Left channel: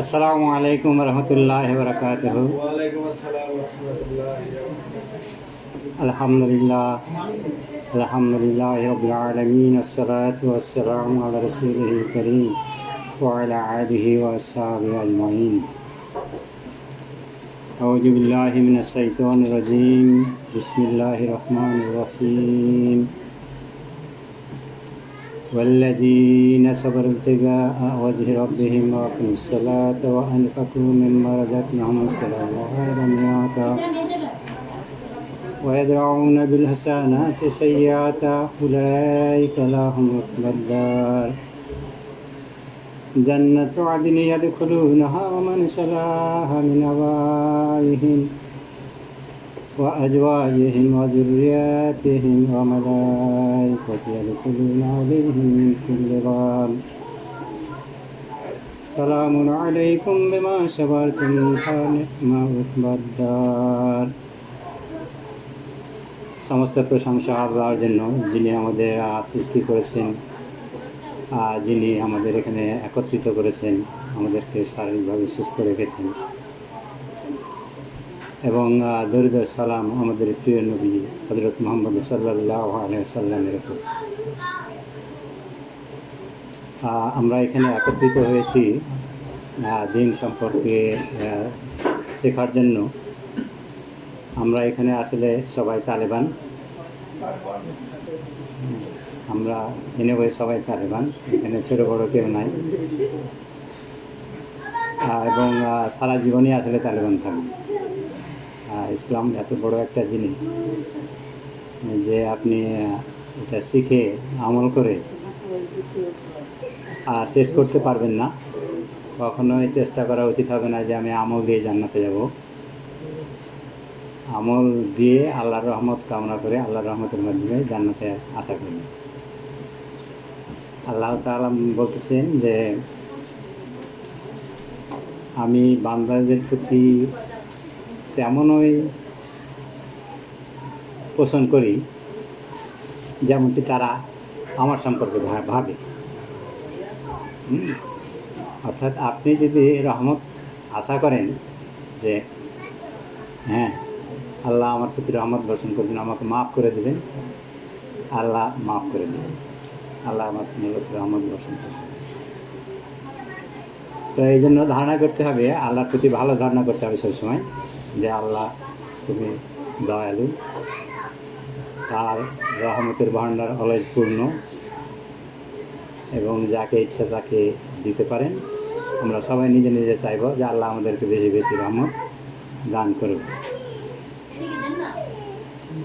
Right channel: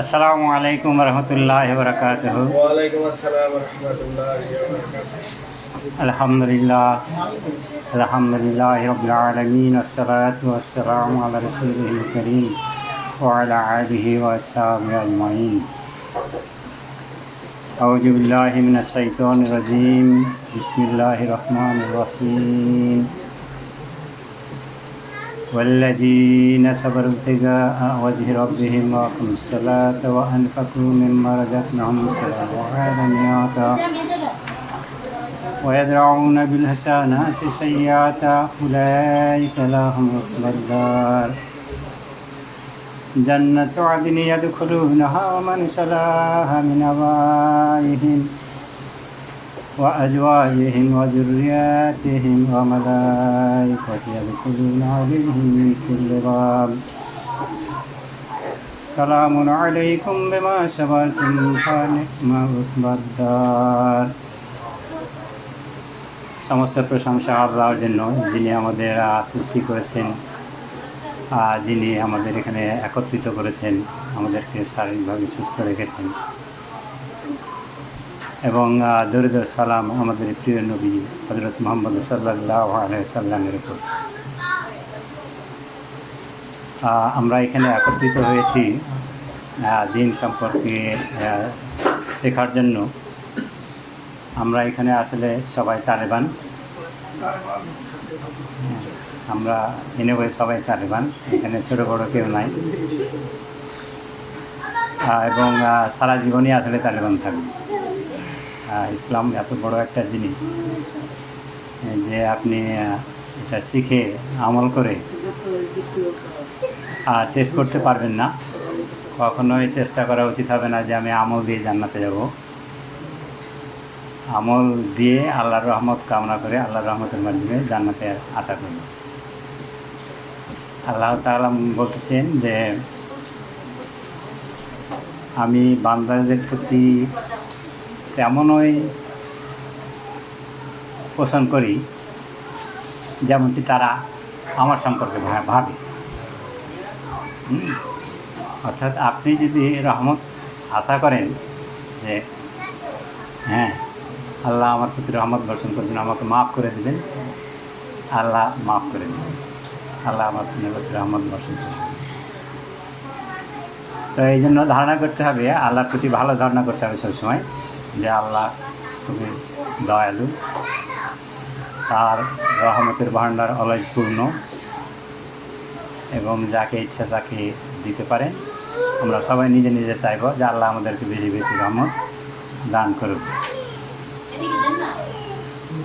আসসালামু আলাইকুম রহমতুল্লাহি ওয়া বারাকাতুহু। ওয়ালাইকুম আসসালাম ওয়া রাহমাতুল্লাহি ওয়া বারাকাতুহু। আলহামদুলিল্লাহি রাব্বিল আলামিন, আসসালাতু ওয়াসসালামু আলা রাসূলিল কারীম ওয়া আলা আলিহি ওয়া আসহাবিহি আজমাইন। আউযু বিল্লাহি মিনাশ শাইতানির রাজীম। বিসমিল্লাহির রহমানির রহিম। والذين صبروا ابتغاء وجه ربهم وأقاموا الصلاة وأنفقوا مما رزقناهم سرا وعلانية ويدرؤون بالحسنات السيئات أولئك لهم عقبى الدار جنة عدن يدخلونها ومن صلح من آبائهم وأزواجهم وذرياتهم وملائكة يدخلون عليهم من كل باب سلام عليكم بما صبرتم فنعم عقبى الدار। সমস্ত প্রশংসা আল্লাহর জন্য, যিনি আমাদের সৃষ্টি করেছেন, যিনি আমাদের এখানে একত্রিত করেছেন, আমাদেরকে শারীরিকভাবে সুস্থ রেখেছেন, এবং দরুদ ও সালাম আমাদের প্রিয় নবী হযরত মুহাম্মদ সাল্লাল্লাহু আলাইহি ওয়াসাল্লামের উপর। আমরা এখানে একত্রিত হয়েছি দিন সম্পর্কে শেখার জন্য। আমরা এখানে আসলে সবাই তালেবান, আমরা সবাই তালেবান, এখানে ছোটো বড়ো কেউ নাই, এবং সারা জীবনই আসলে তালেবান থাকবে। ইসলাম এত বড় একটা জিনিস যে আপনি এটা শিখে আমল করে শেষ করতে পারবেন না। কখনোই চেষ্টা করা উচিত হবে না যে আমি আমল দিয়ে জান্নাতে যাব। আমল দিয়ে আল্লাহর রহমত কামনা করে আল্লাহর রহমতের মাধ্যমে জান্নাতে আশা করব। আল্লাহ তাআলা বলতেছেন যে আমি বান্দাদের প্রতি তেমনই পোষণ করি যেমনটি তারা আমার সম্পর্কে ভাবে। অর্থাৎ আপনি যদি রহমত আশা করেন যে হ্যাঁ আল্লাহ আমার প্রতি রহমত বর্ষণ করবেন, আমাকে মাফ করে দেবেন, আল্লাহ মাফ করে দেবেন, আল্লাহ আমার প্রতি রহমত বর্ষণ করবেন। তো এই জন্য ধারণা করতে হবে, আল্লাহর প্রতি ভালো ধারণা করতে হবে সবসময় যে আল্লাহ খুবই দয়ালু, তার রহমতের ভাণ্ডার অলয় পূর্ণ, এবং যাকে ইচ্ছা তাকে দিতে পারেন। আমরা সবাই নিজে নিজে চাইব যে আল্লাহ আমাদেরকে বেশি বেশি রহমত দান করুন।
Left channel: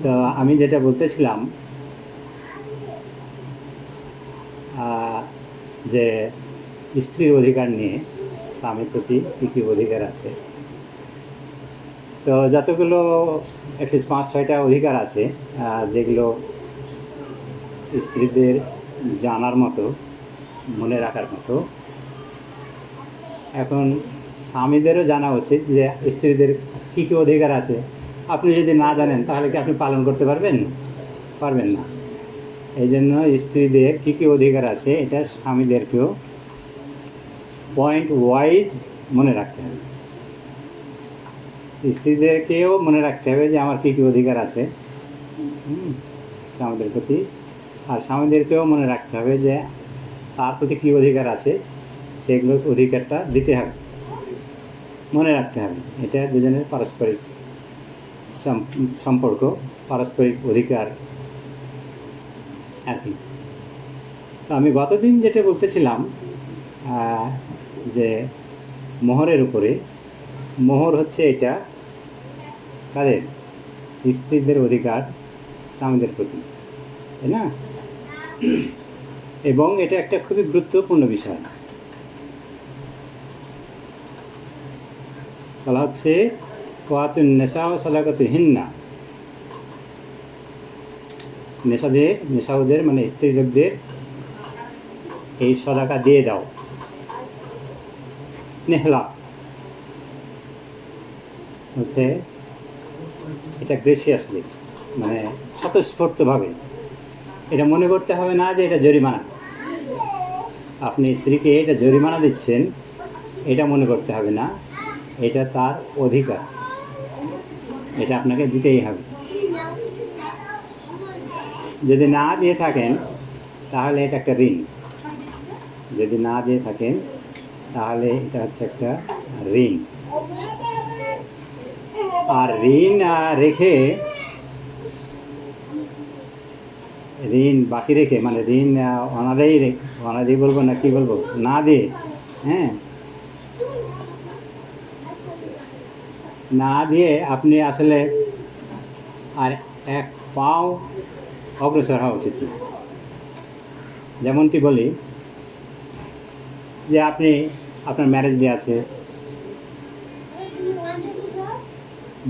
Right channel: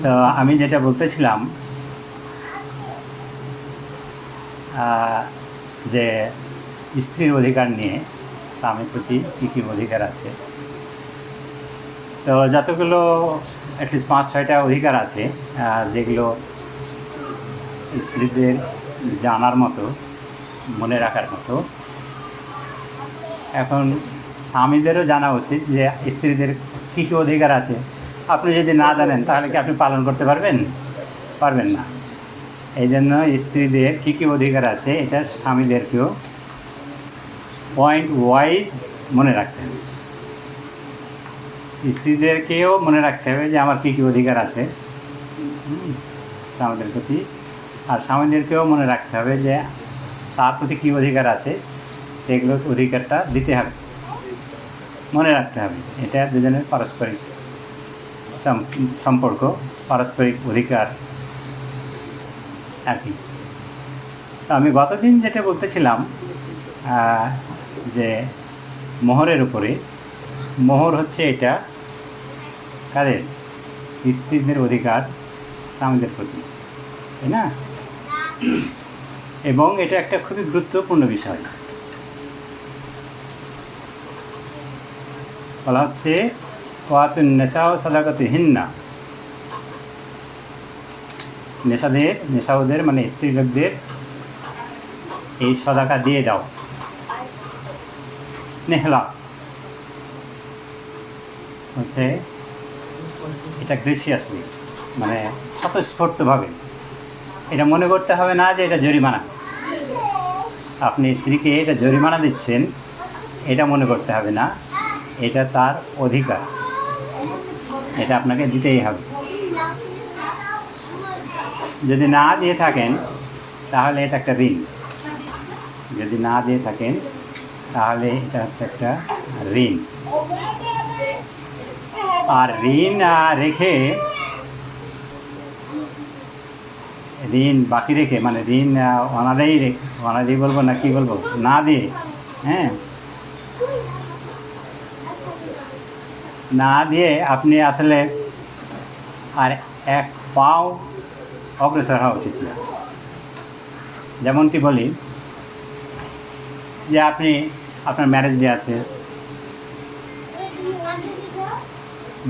তো আমি যেটা বলতেছিলাম যে স্ত্রীর অধিকার নিয়ে স্বামীর প্রতি কী কী অধিকার আছে। তো যতগুলো অ্যাটলিস্ট 5-6টা অধিকার আছে যেগুলো স্ত্রীদের জানার মতো, মনে রাখার মতো। এখন স্বামীদেরও জানা উচিত যে স্ত্রীদের কী কী অধিকার আছে। আপনি যদি না জানেন তাহলে কি আপনি পালন করতে পারবেন? পারবেন না। এই জন্য স্ত্রীদের কী কী অধিকার আছে এটা স্বামীদেরকেও পয়েন্ট ওয়াইজ মনে রাখতে হবে। স্ত্রীদেরকেও মনে রাখতে হবে যে আমার কী কী অধিকার আছে স্বামীদের প্রতি, আর স্বামীদেরকেও মনে রাখতে হবে যে তার প্রতি কী অধিকার আছে, সেগুলো অধিকারটা দিতে হবে, মনে রাখতে হবে। এটা দুজনের পারস্পরিক সম্পর্ক, পারস্পরিক অধিকার আর কি। তো আমি গতদিন যেটা বলতেছিলাম যে মোহরের উপরে, মোহর হচ্ছে এটা কাদের? স্ত্রীদের অধিকার স্বামীদের প্রতি, তাই না? এবং এটা একটা খুবই গুরুত্বপূর্ণ বিষয়। বলা হচ্ছে ওয়াতুন নেশা ও সাদাকাতিহিন্না, নেশাউদের মানে স্ত্রী লোকদের এই সদাকা দিয়ে দাও। নেহলা হচ্ছে এটা গ্রেসিয়াসলি, মানে স্বতঃস্ফূর্তভাবে এটা মনে করতে হবে না যে এটা জরিমানা। আপনি স্ত্রীকে এটা জরিমানা দিচ্ছেন, এটা মনে করতে হবে না। এটা তার অধিকার, এটা আপনাকে দিতেই হবে। যদি না দিয়ে থাকেন তাহলে এটা একটা ঋণ। যদি না দিয়ে থাকেন তাহলে এটা হচ্ছে একটা ঋণ। আর ঋণ রেখে, ঋণ বাকি রেখে মানে ঋণ অনাদায়ী বলবো না কি বলবো, না দিয়ে, হ্যাঁ, না দিয়ে আপনি আসলে আর এক পাও অগ্রসর হওয়া উচিত না। যেমনটি বলি যে আপনি আপনার ম্যারেজ ডে আছে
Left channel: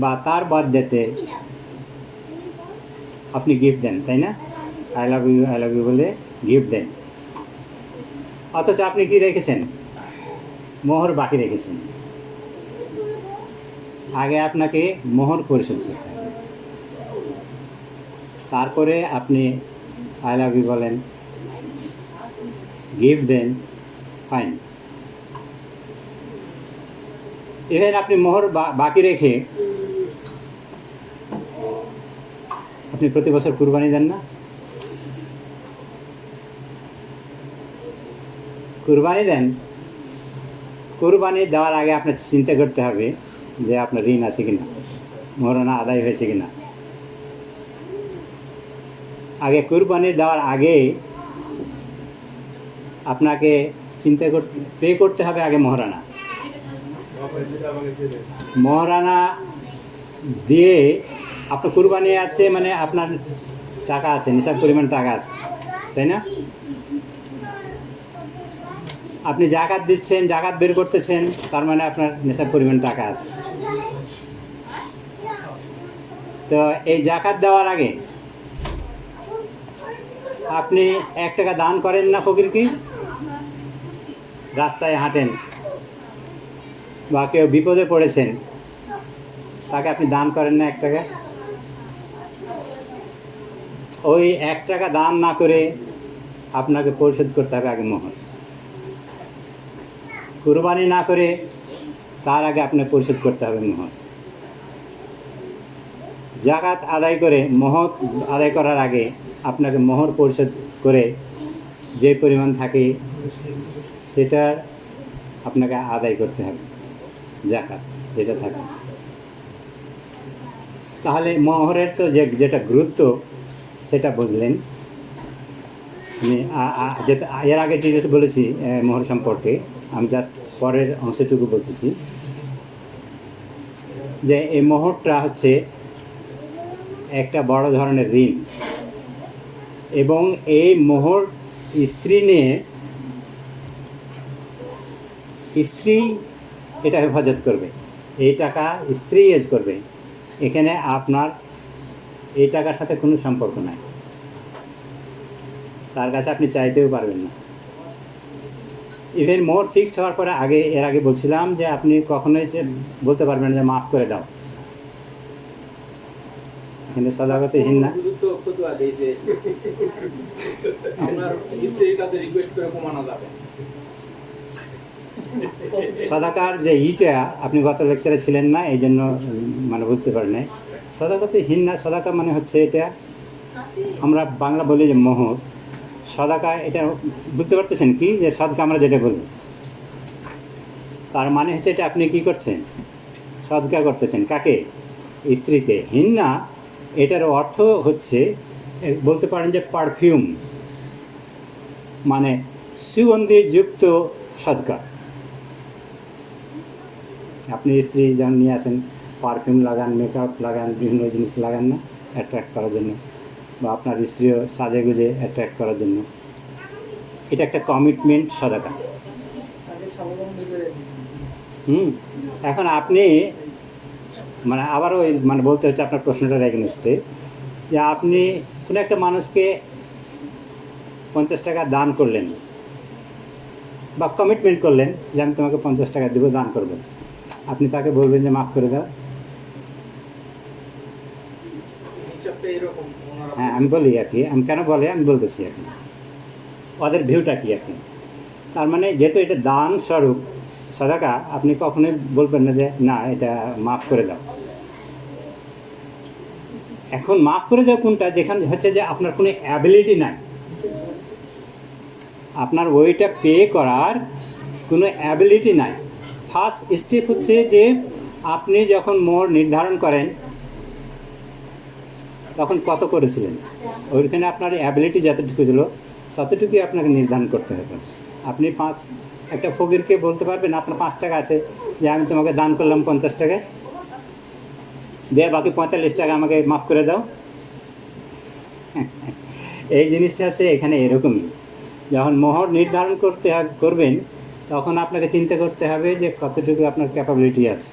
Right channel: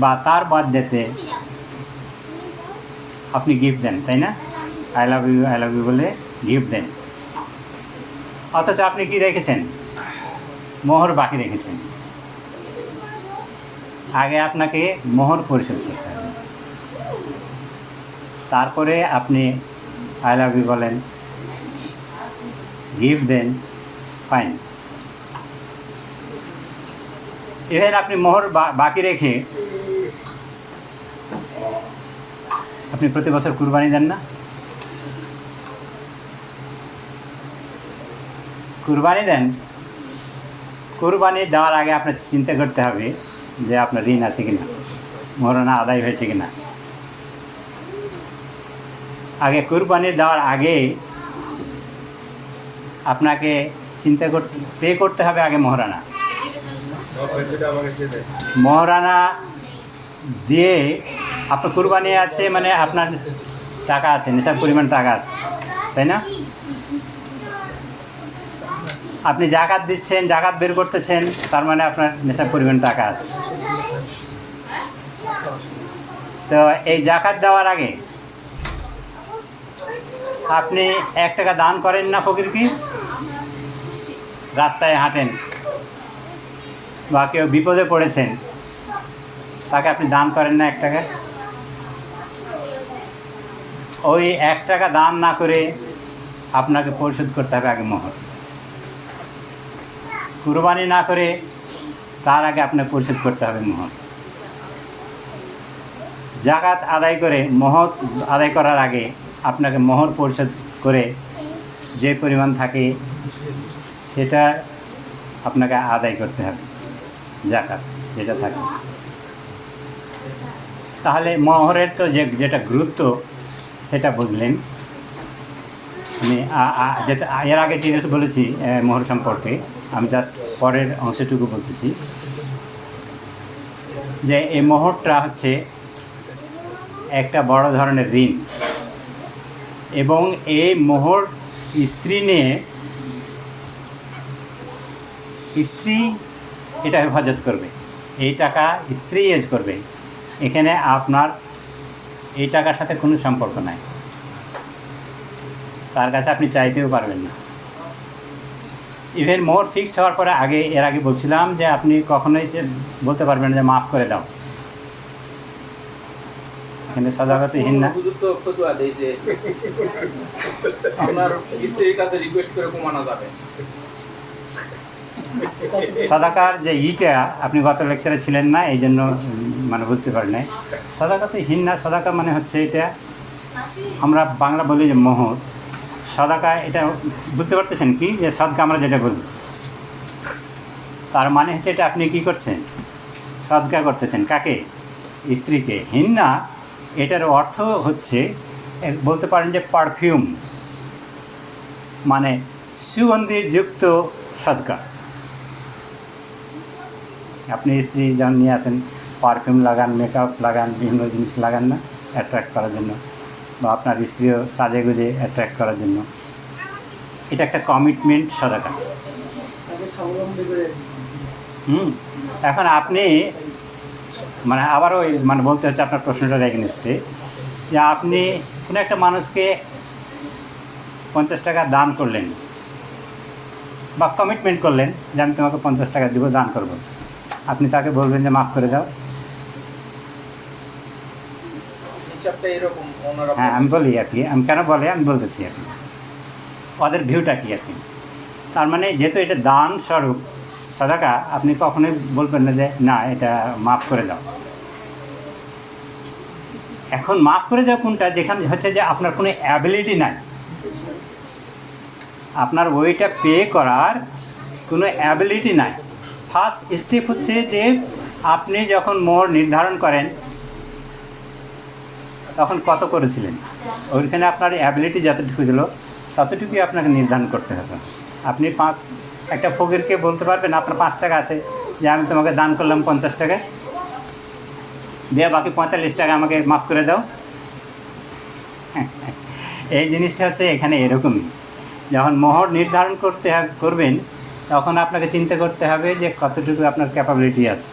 বা তার বার্থডেতে আপনি গিফট দেন, তাই না? আই লাভ ইউ বলে গিফট দেন। অথচ আপনি কি রেখেছেন? মোহর বাকি রেখেছেন। আগে আপনাকে মোহর পরিশোধ করতে হবে, তারপরে আপনি আই লাভ ইউ বলেন, গিফট দেন, ফাইন। ইভেন আপনি মোহর বাকি রেখে আপনি প্রতি বছর কুরবানি দেন না? কুরবানি দেন। কুরবানি দেওয়ার আগে আপনার চিন্তা করতে হবে যে আপনার ঋণ আছে কিনা, মোহরানা আদায় হয়েছে কিনা। আগে কুরবানি দেওয়ার আগে আপনাকে চিন্তা করতে পে করতে হবে আগে মোহরানা। মোহরানা দিয়ে আপনার কুরবানি আছে মানে আপনার টাকা আছে, নিসাব পরিমাণ টাকা আছে, তাই না? আপনি জাকাত দিচ্ছেন, জাকাত বের করতেছেন, তার মানে আপনার নিসাব পরিমাণ টাকা আছে। তো এই জাকাত দেওয়ার আগে আপনি 1 টাকা দান করেন না ফকিরকে? রাস্তায় হাঁটেন বা কেউ বিপদে পড়েছেন, তাকে আপনি দান করেন না 1 টাকা? ওই 1 টাকা দান না করে আপনাকে পরিশোধ করতে হবে আগে মোহর। কুরবানি না করে তার আগে আপনাকে পরিশোধ করতে হবে মোহর। জাকাত আদায় করে মোহর আদায় করার আগে আপনাকে মোহর পরিশোধ করে যে পরিমাণ থাকে সেটা আপনাকে আদায় করতে হবে, জাকাত যেটা থাকে। তাহলে মোহরের তো যেটা গুরুত্ব সেটা বুঝলেন। আমি যেটা এর আগে ডিটেলস বলেছি মোহর সম্পর্কে, আমি জাস্ট পরের অংশটুকু বলতেছি যে এই মোহরটা হচ্ছে একটা বড় ধরনের ঋণ, এবং এই মোহর স্ত্রী নিয়ে স্ত্রী এটা হেফাজত করবে, এই টাকা স্ত্রী ইউজ করবে। এখানে আপনার এই টাকার সাথে কোনো সম্পর্ক নাই, তার কাছে আপনি চাইতেও পারবেন না। ইভেন মোহর ফিক্সড হওয়ার পরে এর আগে বলছিলাম যে আপনি কখনোই বলতে পারবেন না যে মাফ করে দাও, কিন্তু সদাগতে হিন্না সদাকার যে ইটা আপনি গত লেকচারে ছিলেন না, এই জন্য মানে বুঝতে পারেন নাই। সদাকাতে হিন্না, সদাকা মানে হচ্ছে এটা আমরা বাংলা বলি যে মোহর। সদাকা এটা বুঝতে পারতেছেন কি, যে সদকা আমরা যেটা বলি, তার মানে হচ্ছে এটা আপনি কি করছেন, সদকা করতেছেন। কাকে? স্ত্রীকে। হিন্না এটার অর্থ হচ্ছে বলতে পারেন যে পারফিউম, মানে সুগন্ধিযুক্ত সদকা। আপনি স্ত্রী যখন নিয়ে আসেন, পারফিউম লাগান, মেকআপ লাগান, বিভিন্ন জিনিস লাগান না অ্যাট্রাক্ট করার জন্য, বা আপনার স্ত্রীও সাজে গুজে অ্যাট্রাক্ট করার জন্য। এটা একটা কমিটমেন্ট সদাকা। এখন আপনি মানে আবারও মানে বলতে হচ্ছে আপনার প্রশ্নটার এগেনস্টে, যে আপনি কোনো একটা মানুষকে 50 টাকা দান করলেন বা কমিটমেন্ট করলেন যে আমি তোমাকে 50 টাকা দেবো, দান করব। আপনি তাকে বলবেন যে মাফ করে দাও, হিসাবটা এরকম ওনারা হ্যাঁ আমি বলি আর কি, আমি কেন বলে আমি বলতেছি আর কি, ওদের ভিউটা কি আর কি। তার মানে যেহেতু এটা দান স্বরূপ সাদাকা, আপনি কখনোই বলবেন না যে না এটা মাফ করে দাও। এখন মাফ করে দেওয়া কোনটা, যেখানে হচ্ছে যে আপনার কোনো অ্যাবিলিটি নাই, আপনার ওইটা পে করার কোনো অ্যাবিলিটি নাই। ফার্স্ট স্টেপ হচ্ছে যে আপনি যখন মোহর নির্ধারণ করেন তখন কত করেছিলেন, ওইখানে আপনার অ্যাবিলিটি যতটুকু ছিল ততটুকুই আপনাকে নির্ধারণ করতে হতো। আপনি একটা ফকিরকে বলতে পারবেন আপনার 5 টাকা আছে, যে আমি তোমাকে দান করলাম 50 টাকা, দিয়ে বাকি 45 টাকা আমাকে মাফ করে দাও। এই জিনিসটা হচ্ছে এখানে এরকমই, যখন মোহর নির্ধারণ করবেন তখন আপনাকে চিন্তা করতে হবে যে কতটুকু আপনার ক্যাপাবিলিটি আছে।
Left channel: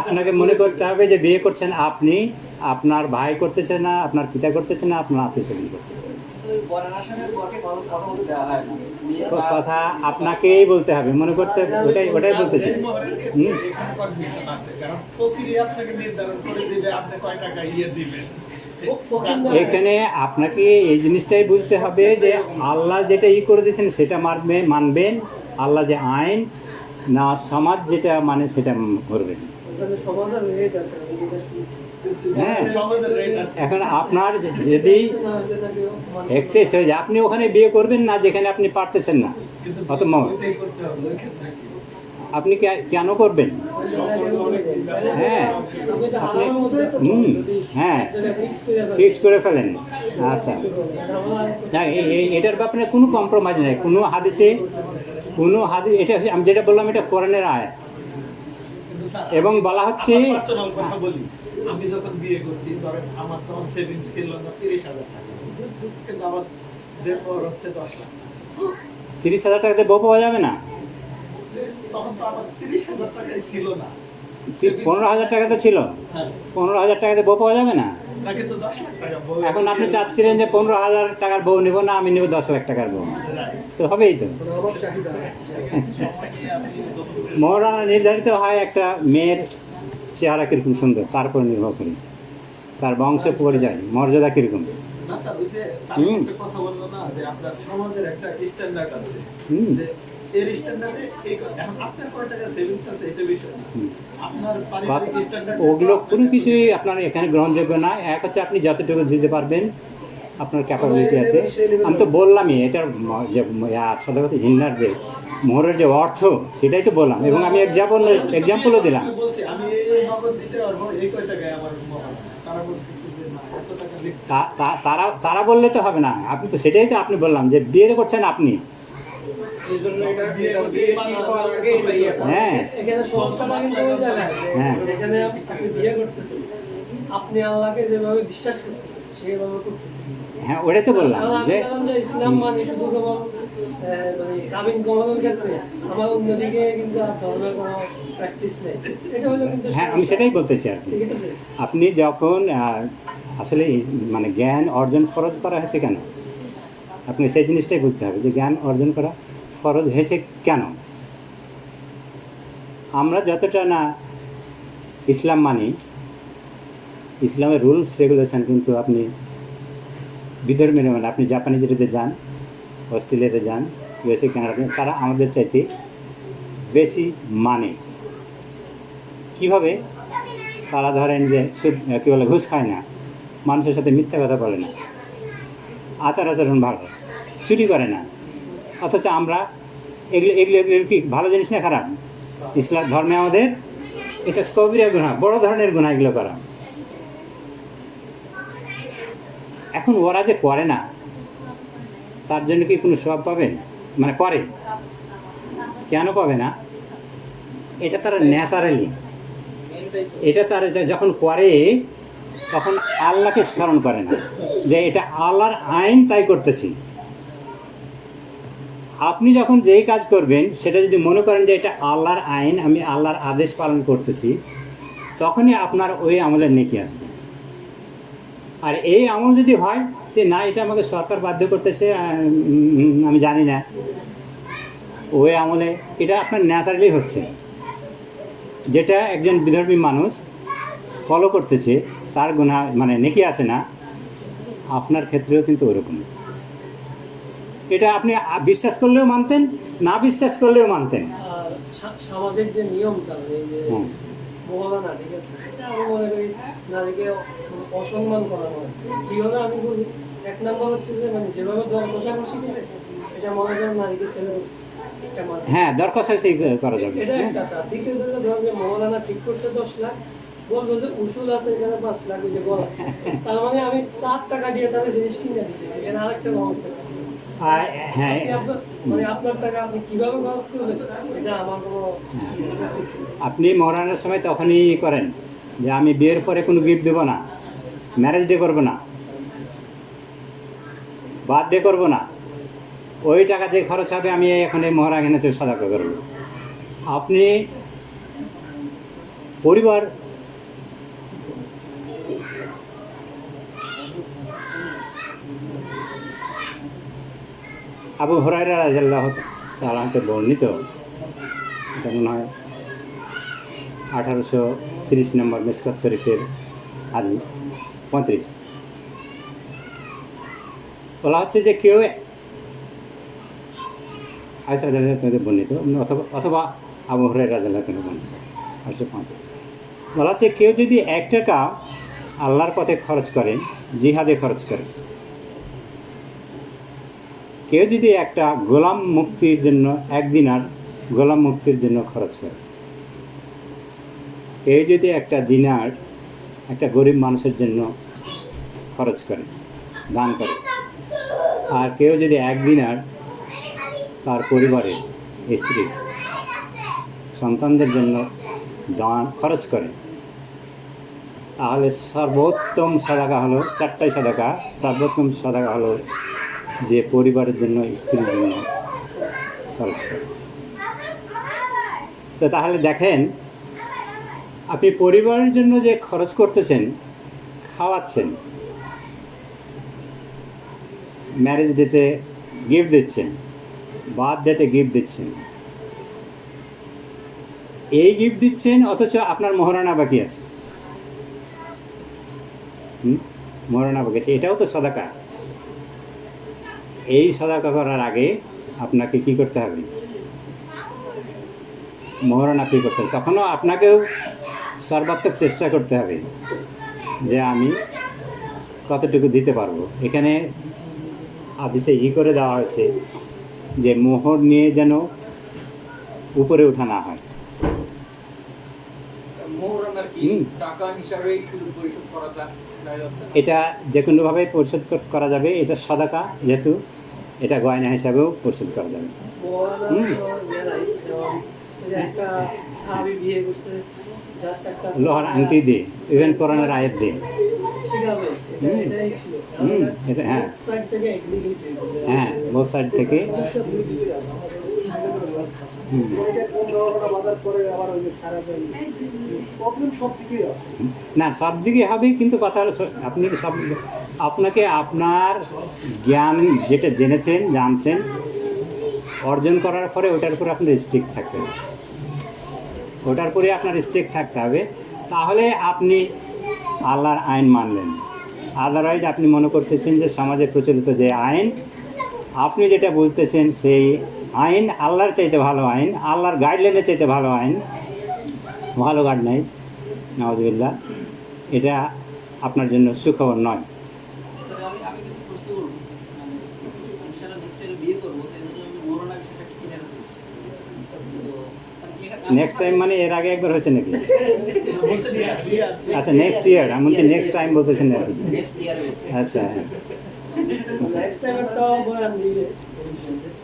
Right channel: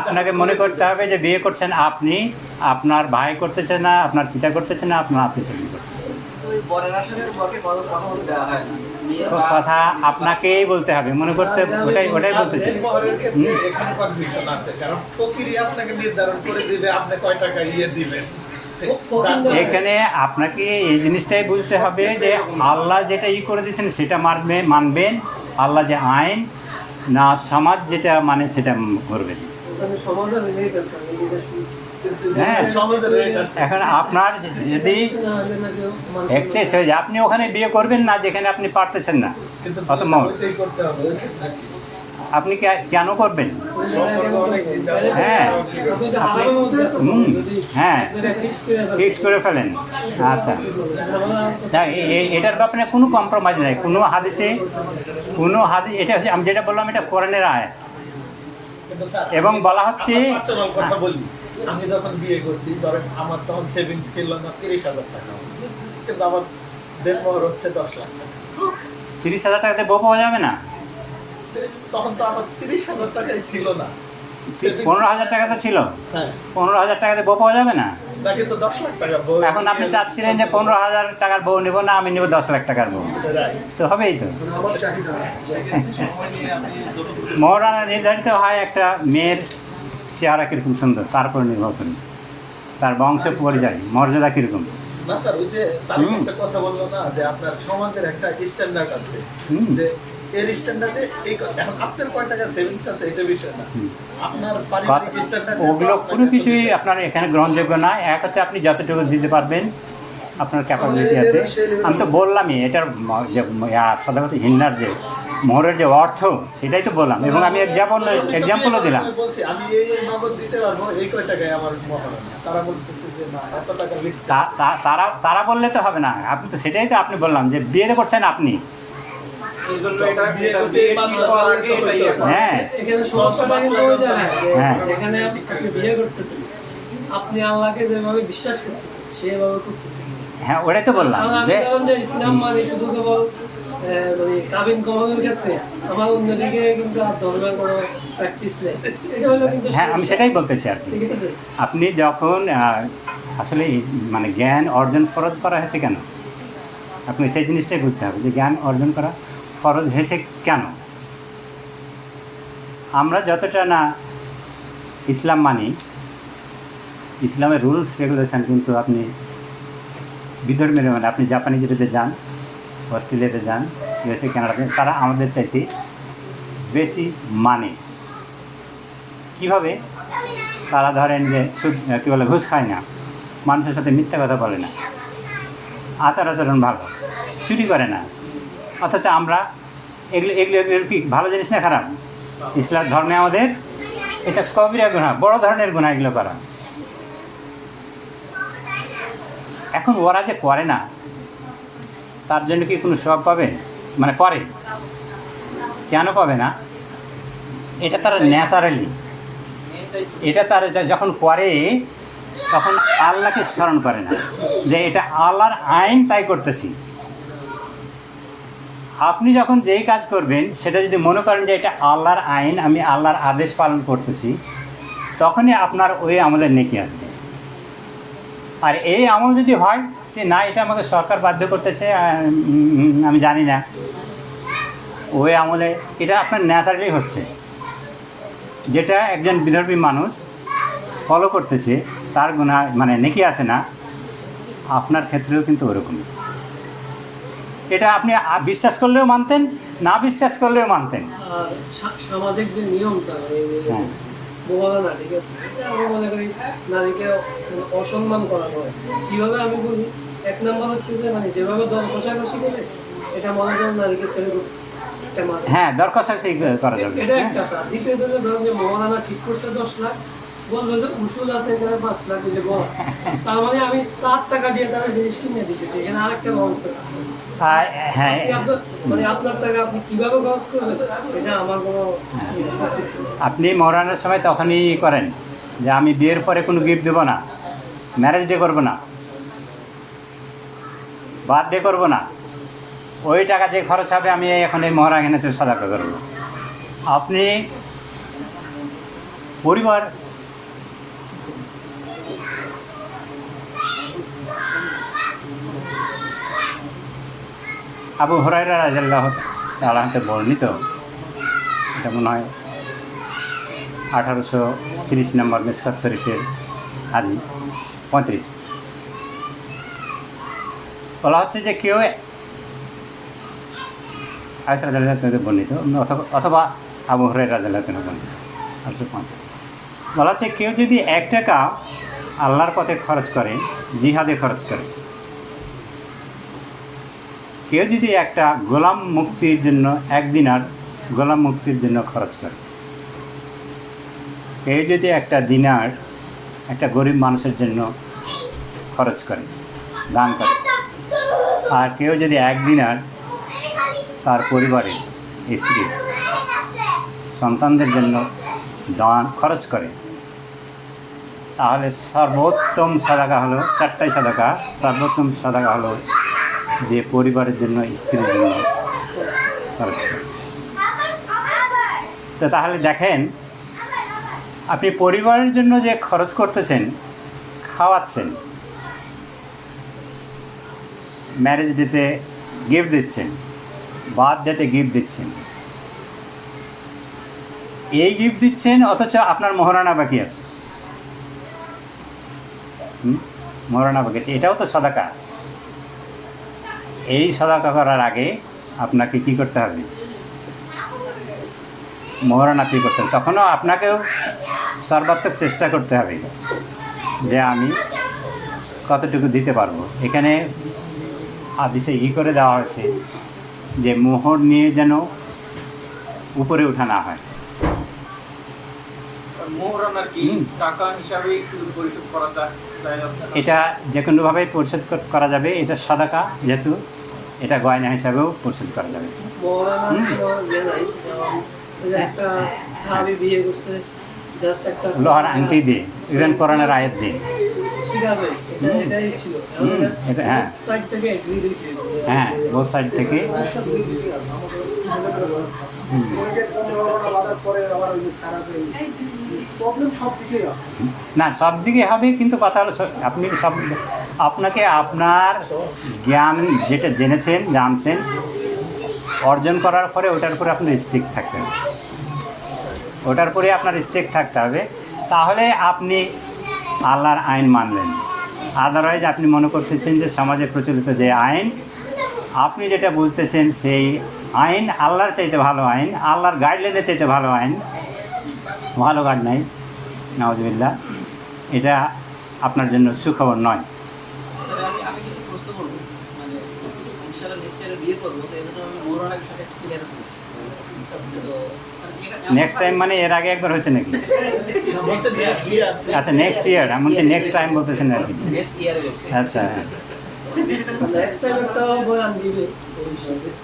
আপনাকে মনে করতে হবে যে বিয়ে করছেন আপনি, আপনার ভাই করতেছে না, আপনার পিতা করতেছে না, আপনার আত্মীয় স্বজন করতেছে। কথা আপনাকেই বলতে হবে, মনে করতে, ওটাই বলতেছে। মোহরের ক্ষেত্রে এখানে কনফিউশন আছে, কারণ ফকিরই আপনাকে নির্ধারণ করে দিবে আপনি কয় টাকা দিবেন। এখানে আপনাকে এই জিনিসটাই বুঝতে হবে যে আল্লাহ যেটা করে দিয়েছেন সেটা মানবেন, আল্লাহ যে আইন না সমাজ যেটা মানে সেটা করবেন। হ্যাঁ, এখন আপনার যদি এক্সেস হয়ে যায় আপনি ওখানে বিয়ে করবেন না যেখানে আপনি পারতেছেন না, অত আপনি কেন করবেন? হ্যাঁ আপনি হ্যাঁ ফিক্স করে ফেলেন। আচ্ছা, এটার ব্যাপারে কোনো কম্প্রোমাইজ নেই, কোনো হাদিসে এটা হচ্ছে আমি যেটা বললাম এটা কোরআনের আয়াত, এবং বলা হচ্ছে কথা বলি, আমি যখন বিয়ে করছি ধরেন আমার তখন সেভিংস ছিল না 30,000 টাকা, কিন্তু আমার দেনমোহর হচ্ছে 10 লাখ টাকা। 30,000 টাকাতে বউ পাওয়া যাবে না? তখন তো আমার 30,000 টাকাই ছিল না, 15,000 টাকা তো ছিল। 15,000 টাকাতে বউ পাওয়া যাবে না? কিন্তু 10 লাখ টাকা বউ। এখন আপনি চাচ্ছিলেন যে 15,000 টাকার বউ নেব না, আমি নেব 10 লাখ টাকার বউ, তো হবেই তো। মহারানা নির্ধারিত হয় একটা মেয়ের চেহারা কীরকম সুন্দর, তার উপর নির্ভর করে তার বংশ পরিচয় মর্যাদা কীরকম। না স্যার, ওই যে তার একটা কথা বললো না যে আপনার সমাজের একটা স্ট্যান্ডার্ড আছে, যে এর স্ট্যান্ডার্ডে এখন আপনার কয় টাকা সেভিংস আছে এটা বিষয় না, আপনার পারিবারিক স্ট্যান্ডার্ড ওগুলো কোনো কিছুই আপনার এখানে গ্রহণযোগ্য না। এক হচ্ছে আপনি যতটুকু দিতে পারবেন, আপনার ক্যাপাবিলিটি আছে। আমি তো বললামই এটার যে সদাগত হিন্নার যে মোহরের যে অর্থ সেটাই তো বললাম, এবং আমি এক্সাম্পলও দিলাম। বলছি আমি এই নগদ দিতে পারবো, এই কয় টাকায় আমার মোহর, তারা বলতেছে যে না এত টাকা তারা বললে তো হবে না, আপনি তো সেটাই তো আপনি বললাম যে বিয়ে করছেন আপনি। হ্যাঁ হ্যাঁ, আপনি আল্লাহকে যেভাবে বিশ্বাস করতেছেন সেভাবে করতেছেন। হ্যাঁ ওটাই তো বললাম যে ইসলাম মানে শুধু কেবল মানে কাবিন কমানোর ক্ষেত্রে আমার অন্যদিকে কিন্তু ধর্মের কোনো প্র্যাকটিস নেই, এটা হলো কিন্তু। হ্যাঁ আমি সেটাই বলতেছি আর কি। আপনি যখন আসলে মানে জ্ঞান অর্জন ফরজ করা হয়েছে কেন, আপনি সেই জিনিসটাই বুঝতে হবে যে জ্ঞান অর্জন করা ফরজ হয়েছে কেন। আমরা যতটা না ইসলাম মানি, ইসলামের রুলস রেগুলেশন কিন্তু আপনি বিধর্মীর মানে আপনি জাপানি যেটাতে যান, অস্ট্রেলিয়াতে যান, ইউএসএ, কানাডাতে, তারা আমাদের চাইতে বেশি মানে। কিভাবে? তারা ধরেন যে কী বলে ঘুষ খায় না, মানুষের সাথে মিথ্যা কথা বলে না, আচরণ ভালো, চুরি করে না। অথচ আমরা এগুলো কি ভালো জিনিস না খারাপ? ইসলাম ধর্মে আমাদের এটা কবিরা গুনাহ, বড় ধরনের গুনাহ এগুলো করা। এখন ওরা যে করে না তার জন্য কি কোনো সওয়াব পাবে? মানে করে কেন পাবে না? এটা তারা ন্যাচারালি, এটা তারা যখন করে তখন আল্লাহকে স্মরণ করে না যে এটা আল্লাহর আইন তাই করতেছি। আপনি যখন যেই কাজ করবেন সেটা যদি মনে করেন যে এটা আল্লাহর আইন, আমি আল্লাহর আদেশ পালন করতেছি, তখনই আপনার ওই আমলের নেকি আসবে। আর এই আমল যদি হয় যে না এটা আমাকে সরকার বাধ্য করতেছে, আমি জানি না, ওই আমলে এটা আপনার ন্যাচারালি হচ্ছে। যেটা একজন বিধর্মী মানুষ ফলো করতেছে তার গুনাহ মানে নেকি আছে না, আপনার ক্ষেত্রেও কিন্তু ওরকম। এটা আপনি বিশ্বাস করলেও মানতেন, না বিশ্বাস করলেও মানতেন। আর সামাজিক যে নিয়মটা এই যে হ্যাঁ মোবাইল, ঠিক আছে, এটা আমি মনে করি নারীকে অসম্মান করা হয়। কীভাবে আমি বলি, এক নম্বর হচ্ছে যে মানে যেভাবে দর কষাকষি করে এটা মনে করেন নারীকে ছেড়ে করতেছে, এটা মানে হ্যাঁ, দরখাস্ত করা যাবে। এটা হ্যাঁ একটা স্যার। দ্বিতীয় দিনে ধরেন যে মৌলানা ঠিক করছে 10 লাখ, বললো যে উসুল আছে এখানে 5 লাখ দিলে বল, তার মানে আমি তার টাকা দিয়ে তারা জিনিস কিনে দিতেছি, এখানে আরেকটা রহন করতেছি। হ্যাঁ মানে আপনার টাকা আপনি কিভাবে খরচ করবেন এটা আমার কোনো আপনি মরানোর সময় তখনই করেন যে আমি বিয়ের পরে কোনো গিফট দেবো না, ম্যারেজ ডে করবো না, বার্থডে করবো না, ওই টাকা যে খরচ হবে আমি এখন এই মহড়া এনেছি সাদাকা করবো। আপনি পরিবার আবু হুরায়রা রাদিয়াল্লাহু তাআলা হতে বর্ণিত, এটা মনে হয় 1830 নম্বর মিসকাত শরীফের হাদিস 35। বলা হচ্ছে যে কেউ আয়েশা রাদিয়াল্লাহু তাআলা বর্ণিত অথবা আবু হুরায়রা রাদিয়াল্লাহু তাআলা বর্ণিত 1850। বলা হচ্ছে কেউ যদি 1 টাকা আল্লাহর পথে খরচ করে, জিহাদে খরচ করে, কেউ যদি একটা গোলাম মুক্তির জন্য 1 দিনার গোলাম মুক্তির জন্য খরচ করে, কেউ যদি একটা দিনার একটা গরিব মানুষের জন্য খরচ করে, দান করে, আর কেউ যদি 1 দিনার তার পরিবারের স্ত্রী সন্তানদের জন্য দান খরচ করে, তাহলে সর্বোত্তম সাদাকা হলো 4টাই সাদাকা। সর্বোত্তম সাদাকা হলো যে পরিবারের জন্য, স্ত্রীর জন্য খরচ করে। তো তাহলে দেখেন, আপনি পরিবারের জন্য যে খরচ করতেছেন, খাওয়াচ্ছেন, ম্যারেজ ডেতে গিফট দিচ্ছেন, বার্থডেতে গিফট দিচ্ছেন, এই গিফট দিচ্ছেন অথচ আপনার মহারণা বাকি আছে, মহারণা বাকি আছে, এটাও তো সাদাকা। এই সাদাকা করার আগে আপনাকে কি করতে হবে? মহারণা পে করতে হবে। তখনও আপনাকেও সর্বাত্মক চেষ্টা করতে হবে যে আমি কতটুকু দিতে পারবো। এখানে হাদিসে করে দেওয়া হয়েছে যে মোহর নিয়ে যেন উপরে ওঠা না হয়। মোহরানার কি টাকা হিসাবে শুধু পরিশোধ করা যায়? এটা যে কোনোভাবে পরিশোধ করা যাবে, এটা সাদাকা, যেহেতু এটা গয়না হিসাবেও পরিশোধ করা যাবে। লোহার আংটি দিয়ে, ইভেন কোরআনের আয়াত দিয়ে, এটা হ্যাঁ হ্যাঁ বোথ সাইড থেকে। না, সব দিকে হবে, কিন্তু কথা হলো আপনি সব আপনাকে আপনার জ্ঞান যেটা জেনেছেন, জানছেন, অর্জন করার পরে ওটার উপরে আপনার স্ট্রিক্ট থাকতে হবে, ওটার পরে আপনার স্ট্রিক্ট থাকতে হবে। তাহলে আপনি আল্লাহর আইন মানলেন। আদারওয়াইজ আপনি মনে করতেছেন যে সমাজে প্রচলিত যে আইন, আপনি যেটা বুঝতেছেন সেই আইন আল্লাহর চাইতে ভালো আইন, আল্লাহর গাইডলাইনের চাইতে ভালো আইন, ভালো গাইডলাইন্স, নাউজুবিল্লাহ, এটা আপনার জন্য সুখবর নয়। আমি কিছু প্রশ্ন করবো, মানে ইনশাআল্লাহ নেক্সট ইয়ারে বিয়ে করবো, তো এই জন্য আমি মোহরানার বিষয়টা একটু ক্লিয়ার করছি। তো নেক্সট টাইম মানে এর আগে একবার হয়েছে নাকি? বলছে next year আছে। আচ্ছা, নেক্সট ইয়ার, এমন কি নেক্সট টাইম বলতেছেন আর কি? নেক্সট ইয়ারে হচ্ছে। আচ্ছা, হ্যাঁ। নেক্সট টাইম একটা বয়ান দিবে।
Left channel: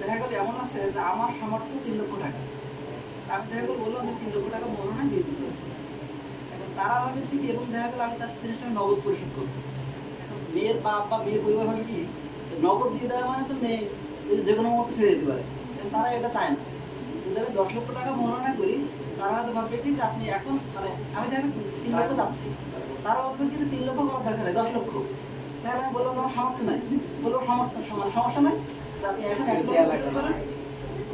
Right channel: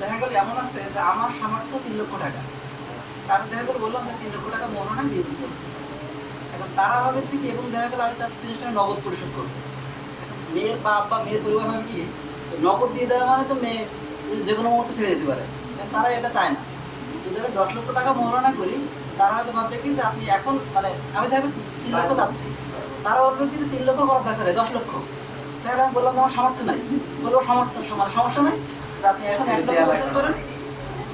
দেখা গেল এমন আছে যে আমার সামর্থ্য 3 লক্ষ টাকা, আমি দেখা গেল বললাম যে 3 লক্ষ টাকা মোহরানা বিয়ে দিতে হচ্ছে। এখন তারা ভাবেছে কি, এবং দেখা গেল আমি চাচ্ছি জিনিসটা নগদ পরিশোধ করবো। এখন মেয়ের বাপ বা মেয়ের পরিবার ভাবে কি, নগদ দিয়ে দেওয়া মানে তো মেয়ে যে কোনো মুহূর্তে ছেড়ে যেতে পারে, তারা এটা চায় না। যদি আমি 10 লক্ষ টাকা মোহরানা করি, তারা হয়তো ভাববে কি যে আপনি এখন, মানে আমি দেখা 3 লক্ষ চাচ্ছি, তারা ভাববে কি যে 3 লক্ষ করার দরকার নেই, 10 লক্ষ। তাহলে আমি বললাম যে আমার সামর্থ্য নাই, বলবো সামর্থ্য মানে সমস্যা নাই, যে আপনি এখন 1 লক্ষ পরিশোধ করেন,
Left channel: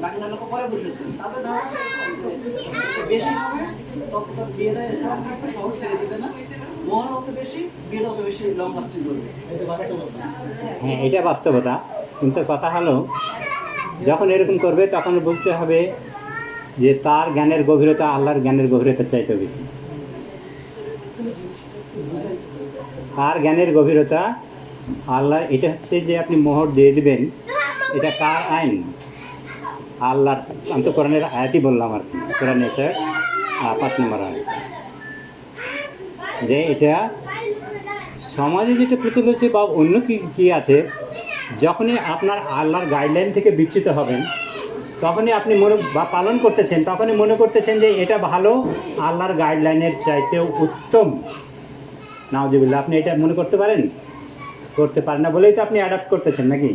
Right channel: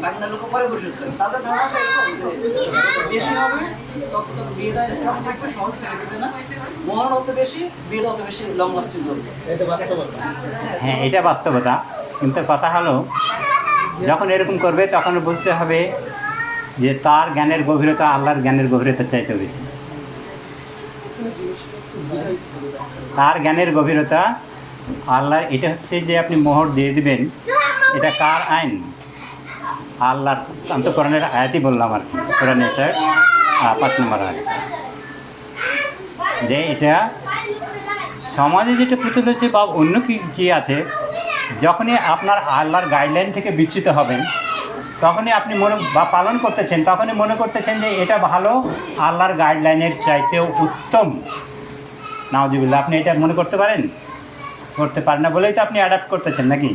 বাকি 9 লক্ষ পরে পরিশোধ করবে। তাদের ধারণাটা এরকম যে যত বেশি হবে তত তার বিয়েটা স্ট্রং থাকবে, সহজে ছেড়ে দেবে না। মোহর যত বেশি, বিয়েটা তত বেশি লং লাস্টিং করবে। এটা বাস্তবতা। হ্যাঁ, এটা বাস্তবতা। কিন্তু কথা হলো, যখন এরকম করবে তখন বুঝতে হবে যে তার জ্ঞানের গভীরতা আল্লাহর জ্ঞানের গভীরতার চাইতে বেশি। তার জ্ঞানের গভীরতা আল্লাহ, এটা হচ্ছে যে আপনি মোহর দিয়ে দিবেন, এটা কার আইন? আল্লাহর। আমি তো কোরআনের আয়াতই বললাম আর কি, কোরআন স্যার 5 নম্বর আয়াত, যে এটা সমাজে যেটা প্রচলিত হচ্ছে বা অন্য কি আছে, যখনই আপনার আল্লাহর গাইডলাইন থেকে বিচ্যুত হবেন তখনই আপনি পালন করতেছেন, তখনই মনে করতেছেন যে এটা ভালো, আল্লাহর গাইডলাইনের চাইতেও উত্তম। নাউজুবিল্লাহ, আপনি এটা মনে করতে পারেন? করতে পারেন না বলেই তো আপনি অ্যাডাপ্ট করতেছেন নাকি?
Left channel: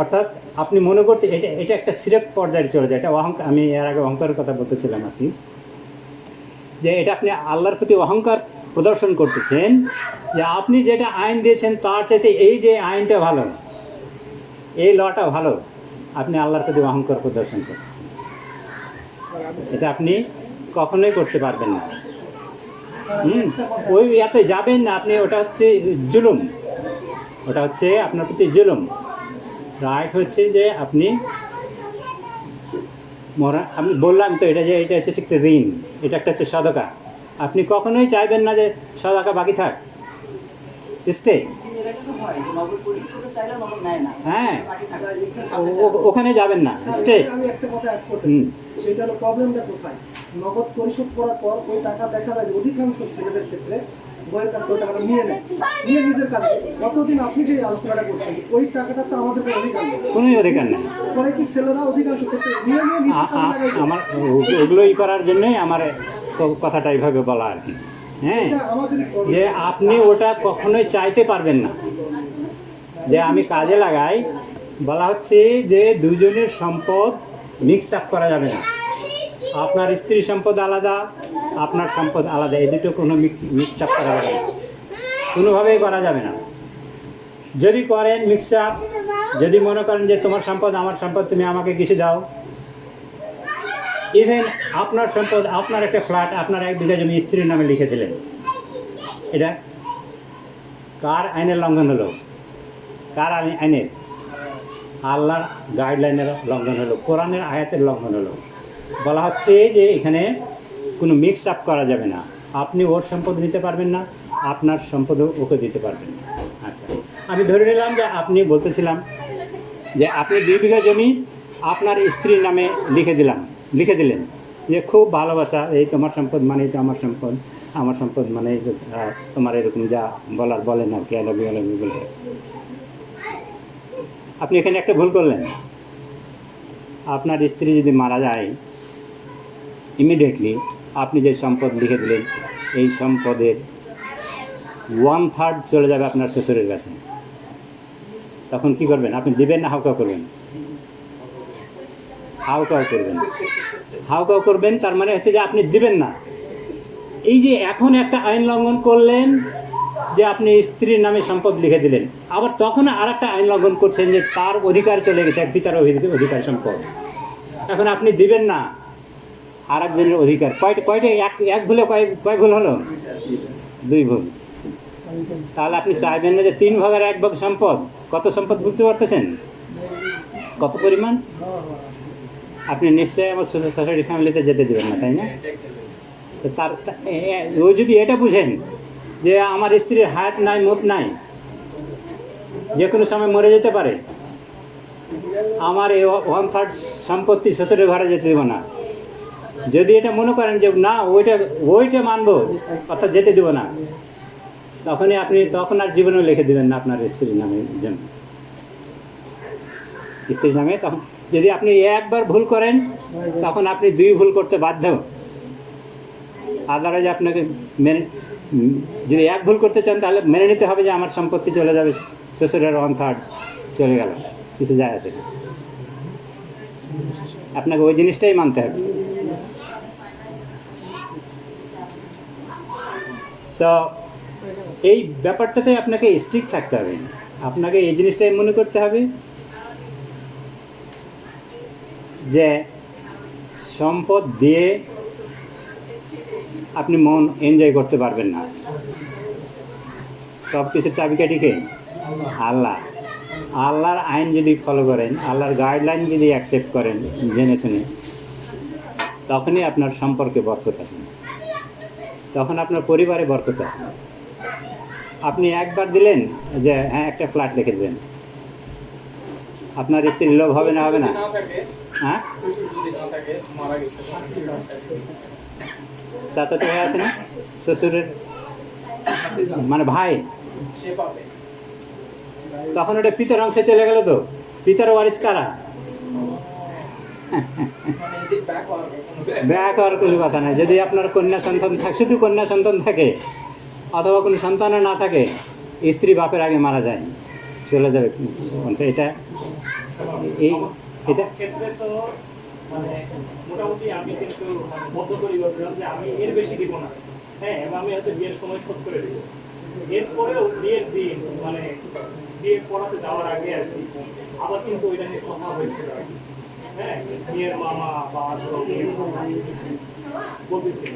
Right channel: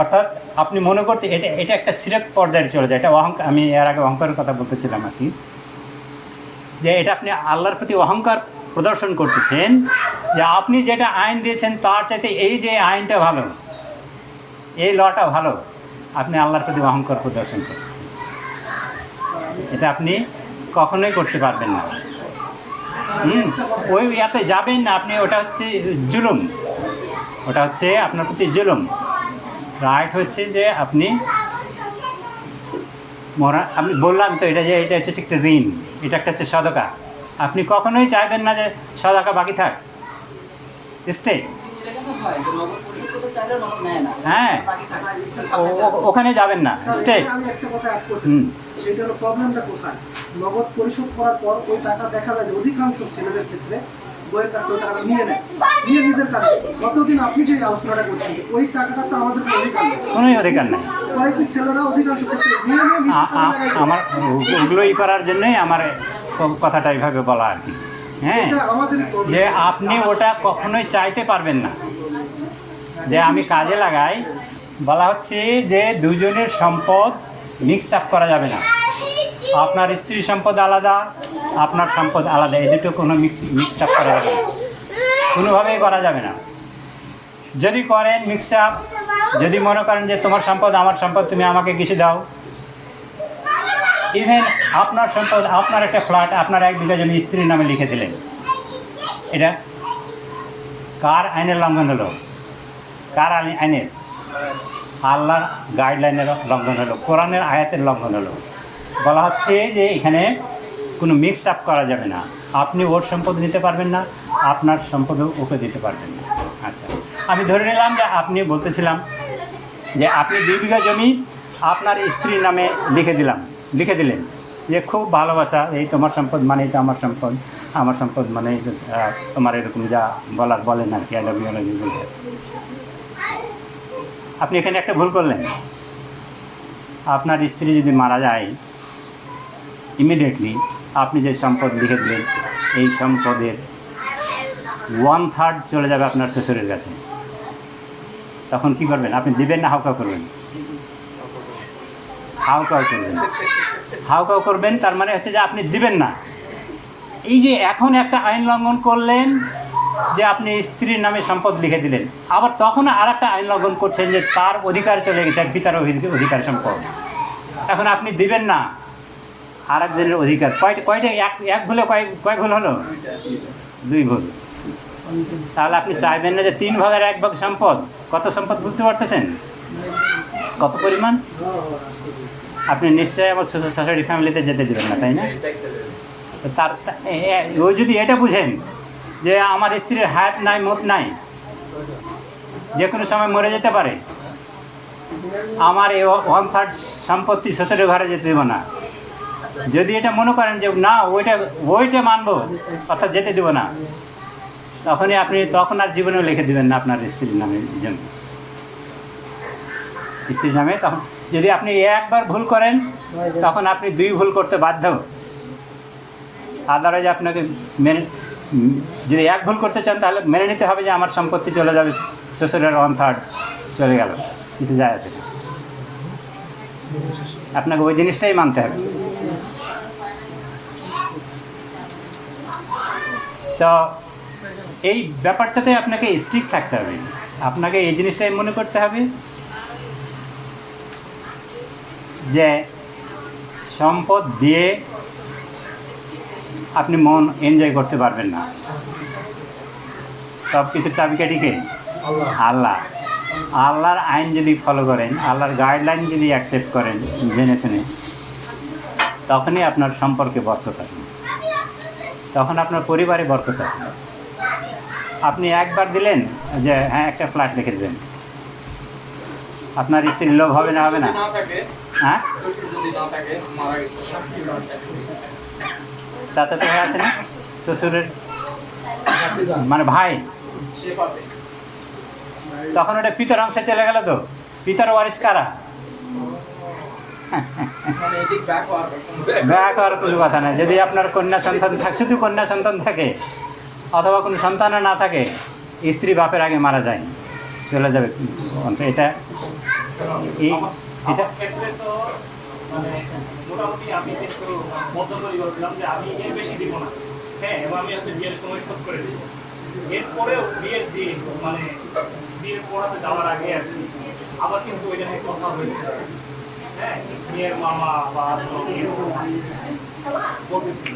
অর্থাৎ আপনি মনে করতে এটা একটা শিরক পর্যায়ে চলে যায়। এটা অহংকার। আমি এর আগে অহংকারের কথা বলতেছিলাম আর কি, যে এটা আপনি আল্লাহর প্রতি অহংকার প্রদর্শন করতেছেন, যে আপনি যেটা আইন দিয়েছেন তার চাইতে এই যে আইনটা ভালো, এই লটা ভালো, আপনি আল্লাহর প্রতি অহংকার প্রদর্শন করতেছেন। এটা আপনি কখনোই করতে পারবেন না। ওই ইয়াতে যাবেন না আপনি, ওটা হচ্ছে জুলুম, ওটা হচ্ছে আপনার প্রতি জুলুম। রাইট হচ্ছে যে আপনি আমি বললাম তো এটা, যে এটা হচ্ছে একটা ঋণ, এটা একটা হচ্ছে সদকা। আপনি কখনোই চাইবেন না যে সদকা বাকি থাক, স্টে। এটা কিন্তু হয় যে নগদ পরিশোধ করতে চাইলেও নগদ নেয় না, হ্যাঁ, বাকি থাকে, ওখানে যাবেন না, স্টে। আমি একটা কথা অ্যাড করতে চাই, সেটা হলো প্রবলেমটা কোথায়। নগদ পরিশোধ করার পর ওই টাকা দেখা যায় যে অধিকাংশ ছেলেদের ক্ষেত্রে বইয়ের কাছ থেকে ওই টাকাটা নিয়ে নেয়, নিয়ে নিজের কাছে। কতদিন আপনি যে আলোচনাটা করছেন, ওই টাকাটা তো আমাদের কোনো অধিকার নেই, কোনো অধিকার নেই। পরে কি ছেলেরা অধিকাংশ ক্ষেত্রে নিয়ে নেয় নিজের কাছে জায়গায় আমার ওগুলোই করার জন্যই আমার কথাটা এইভাবে বলা আর কি। হ্যাঁ, এটা আমাদেরই problem। যে আপনি ওটা কখনোই চাইতে পারবেন না যে আমি কাজে লাগাই। বলা হচ্ছে যে দুজনের সম্পদ মিক্স আপ করা যাবে না। আপনার স্ত্রীর সম্পদ আলাদা, আপনার সম্পদ আলাদা, এই দুটো কোনো মিক্স আপ করা যাবে না, কোনোভাবেই করা যাবে না। যদি করেন মিক্স আপ, যদি মনে করেন যে তোমার সম্পদ আমার সম্পদ, তুমি আমাকে কিছু দাও, ইভেন আপনার সম্পদ, আপনার একটা ফ্ল্যাট, আপনার 1 বিঘা জমি স্ত্রীর নামে লিখে দিলেন, এটা কার আইনের লঙ্ঘন হলো? কার আইনের? আল্লাহ গাইডলাইনের লঙ্ঘন হলো, কোরআনের আয়াতের লঙ্ঘন হলো। বলা হচ্ছে যে এখানে কোনো মিক্স আপ করা যাবে না। আপনি ওর সম্পদ নিতে পারবেন না, আপনার সম্পদও ওকে দিতে পারবেন না। আচ্ছা, আমি ধরে নিলাম যে আপনি বলতেছিলাম যে আপনি 2 বিঘা জমি আপনার স্ত্রীর নামে লিখে দিলেন যে খুব ভালোবাসা, এই তোমার সম্পদ মানেই তো আমার সম্পদ, আমার সম্পদ মানে তোমার, এরকম যা বলেন আর কি, আই লাভ ইউ বলে। আপনি এখানে একটা ভুল করলেন। আপনার স্ত্রী যদি মারা যায়, ইমিডিয়েটলি আপনি যে সম্পদ লিখে দিলেন, এই সম্পদের 1/3 চলে যাবে আপনার শ্বশুরের কাছে। তখন কি করবেন? আপনি দেবেন না হাউকাউ করবেন? হাউকাউ করবেন, তার মানে হচ্ছে যে আপনি দিবেন না। এই যে এখন একটা আইন লঙ্ঘন করলেন যে আপনি স্ত্রীর নামে সম্পদ লিখে দিলেন, আবার তখন আর একটা আইন লঙ্ঘন করছেন যে তার অধিকার চলে গেছে, এক পিতার অধিকার সম্পদ। এখন আপনি দিবেন না আর একজনের অধিকার। কয়টা এক ভুলে কয় ভুল হলো? 2 ভুল। তাহলে আপনি চাইবেন না যে 3 ভাগের 1 ভাগ সম্পদ, কত সম্পদ বুঝতে পারতেছেন? কত পরিমাণ? আপনি নিশ্চয়ই আমার সোসাইটি ফ্যামিলিতে যেতে দেবেন না, তাই না? তো ও যদি এটা বুঝেন যে আমার স্ত্রীর হায়াত নাই, মত নাই, যে কোনো সময় মরে যেতে পারে, আমার এই 1/3 সম্পত্তি শ্বশুরের ঘরে যেতে দেবো না, যদি এটা মনে করেন যে না ওইটা মানবো, অর্থাৎ যেতে দেবো না, তখন আর জীবনেও লিখে দেবেন না আপনার স্ত্রীর নামে জন্য, স্ত্রীর নামে। তখন যদি আপনি একবার ভুল করেন, তখন আপনি 2 ভুল করতে বাধ্য। আদালতে আপনাকে যদি 1 ভুল করতে চান, তাহলে মেনে নিতে হবে যে আমার সম্পত্তি চলে যাবে, শ্বশুরের 1/3 চলে গেল, কিছু যায় আসে না। আপনাকে ওই জিনিসটাই মানতে হবে। তো এই ব্যাপারটাতে আপনাকে স্ট্রিক্ট থাকতে হবে। আপনাকে এই জিনিসটাই মনে করতে হবে যে সম্পদ দিয়ে আপনি মন এনজয় করতে পারবেন না। সব কিছুর চাবিকাঠিকে আল্লাহ। আল্লাহর আইন যদি ফলো করেন, আল্লাহর গাইডলাইন যদি অ্যাকসেপ্ট করেন জেনে শুনে, তখনই আপনার সম্পর্কে বরকত আছে, তখন আপনার পরিবারে বরকত আছে। আপনি একবার দিলেন যে হ্যাঁ একটা ফ্ল্যাট লিখে দেবেন, আপনার স্ত্রীর লোভ হবে না? হবে না? না থাকে, হ্যাঁ, শ্বশুর যদি না থাকে, মারা গেছে, চাচা তো ভাই আছে না, শ্বশুরের মানে ভাই, সে পাবে। তখন ওটা পিতার অংশে চলে গেল, তো পিতার ওয়ারিশ কারা? মানে এদিক ব্যাক হওয়ার ব্যাক আর কোনো কথা না। যদি আপনার কন্যা সন্তান থাকে, শুধু কন্যা সন্তান থাকে, অথবা কোনো সন্তানও না থাকে, স্ত্রী বাপের আগে মারা যায়, চলে যাবে অংশ। এটা এটা ক্ষেত্রে তো মানে মোটামুটি আমি কিন্তু মধ্যতরি বলছিলাম যে আমি এর বেশি দিব না, হ্যাঁ, এবং আমি হচ্ছে বিয়ের সময় শোধ করে দেবো। এরপরেও বিয়ের দিন মানে বিয়ের পড়াতে যাওয়ার আগে আর কি আবার কিন্তু ওইটা নিয়ে কথা হয়েছিল, হ্যাঁ, মেয়ের মামা বা মেয়ের মামা বলতেছিল।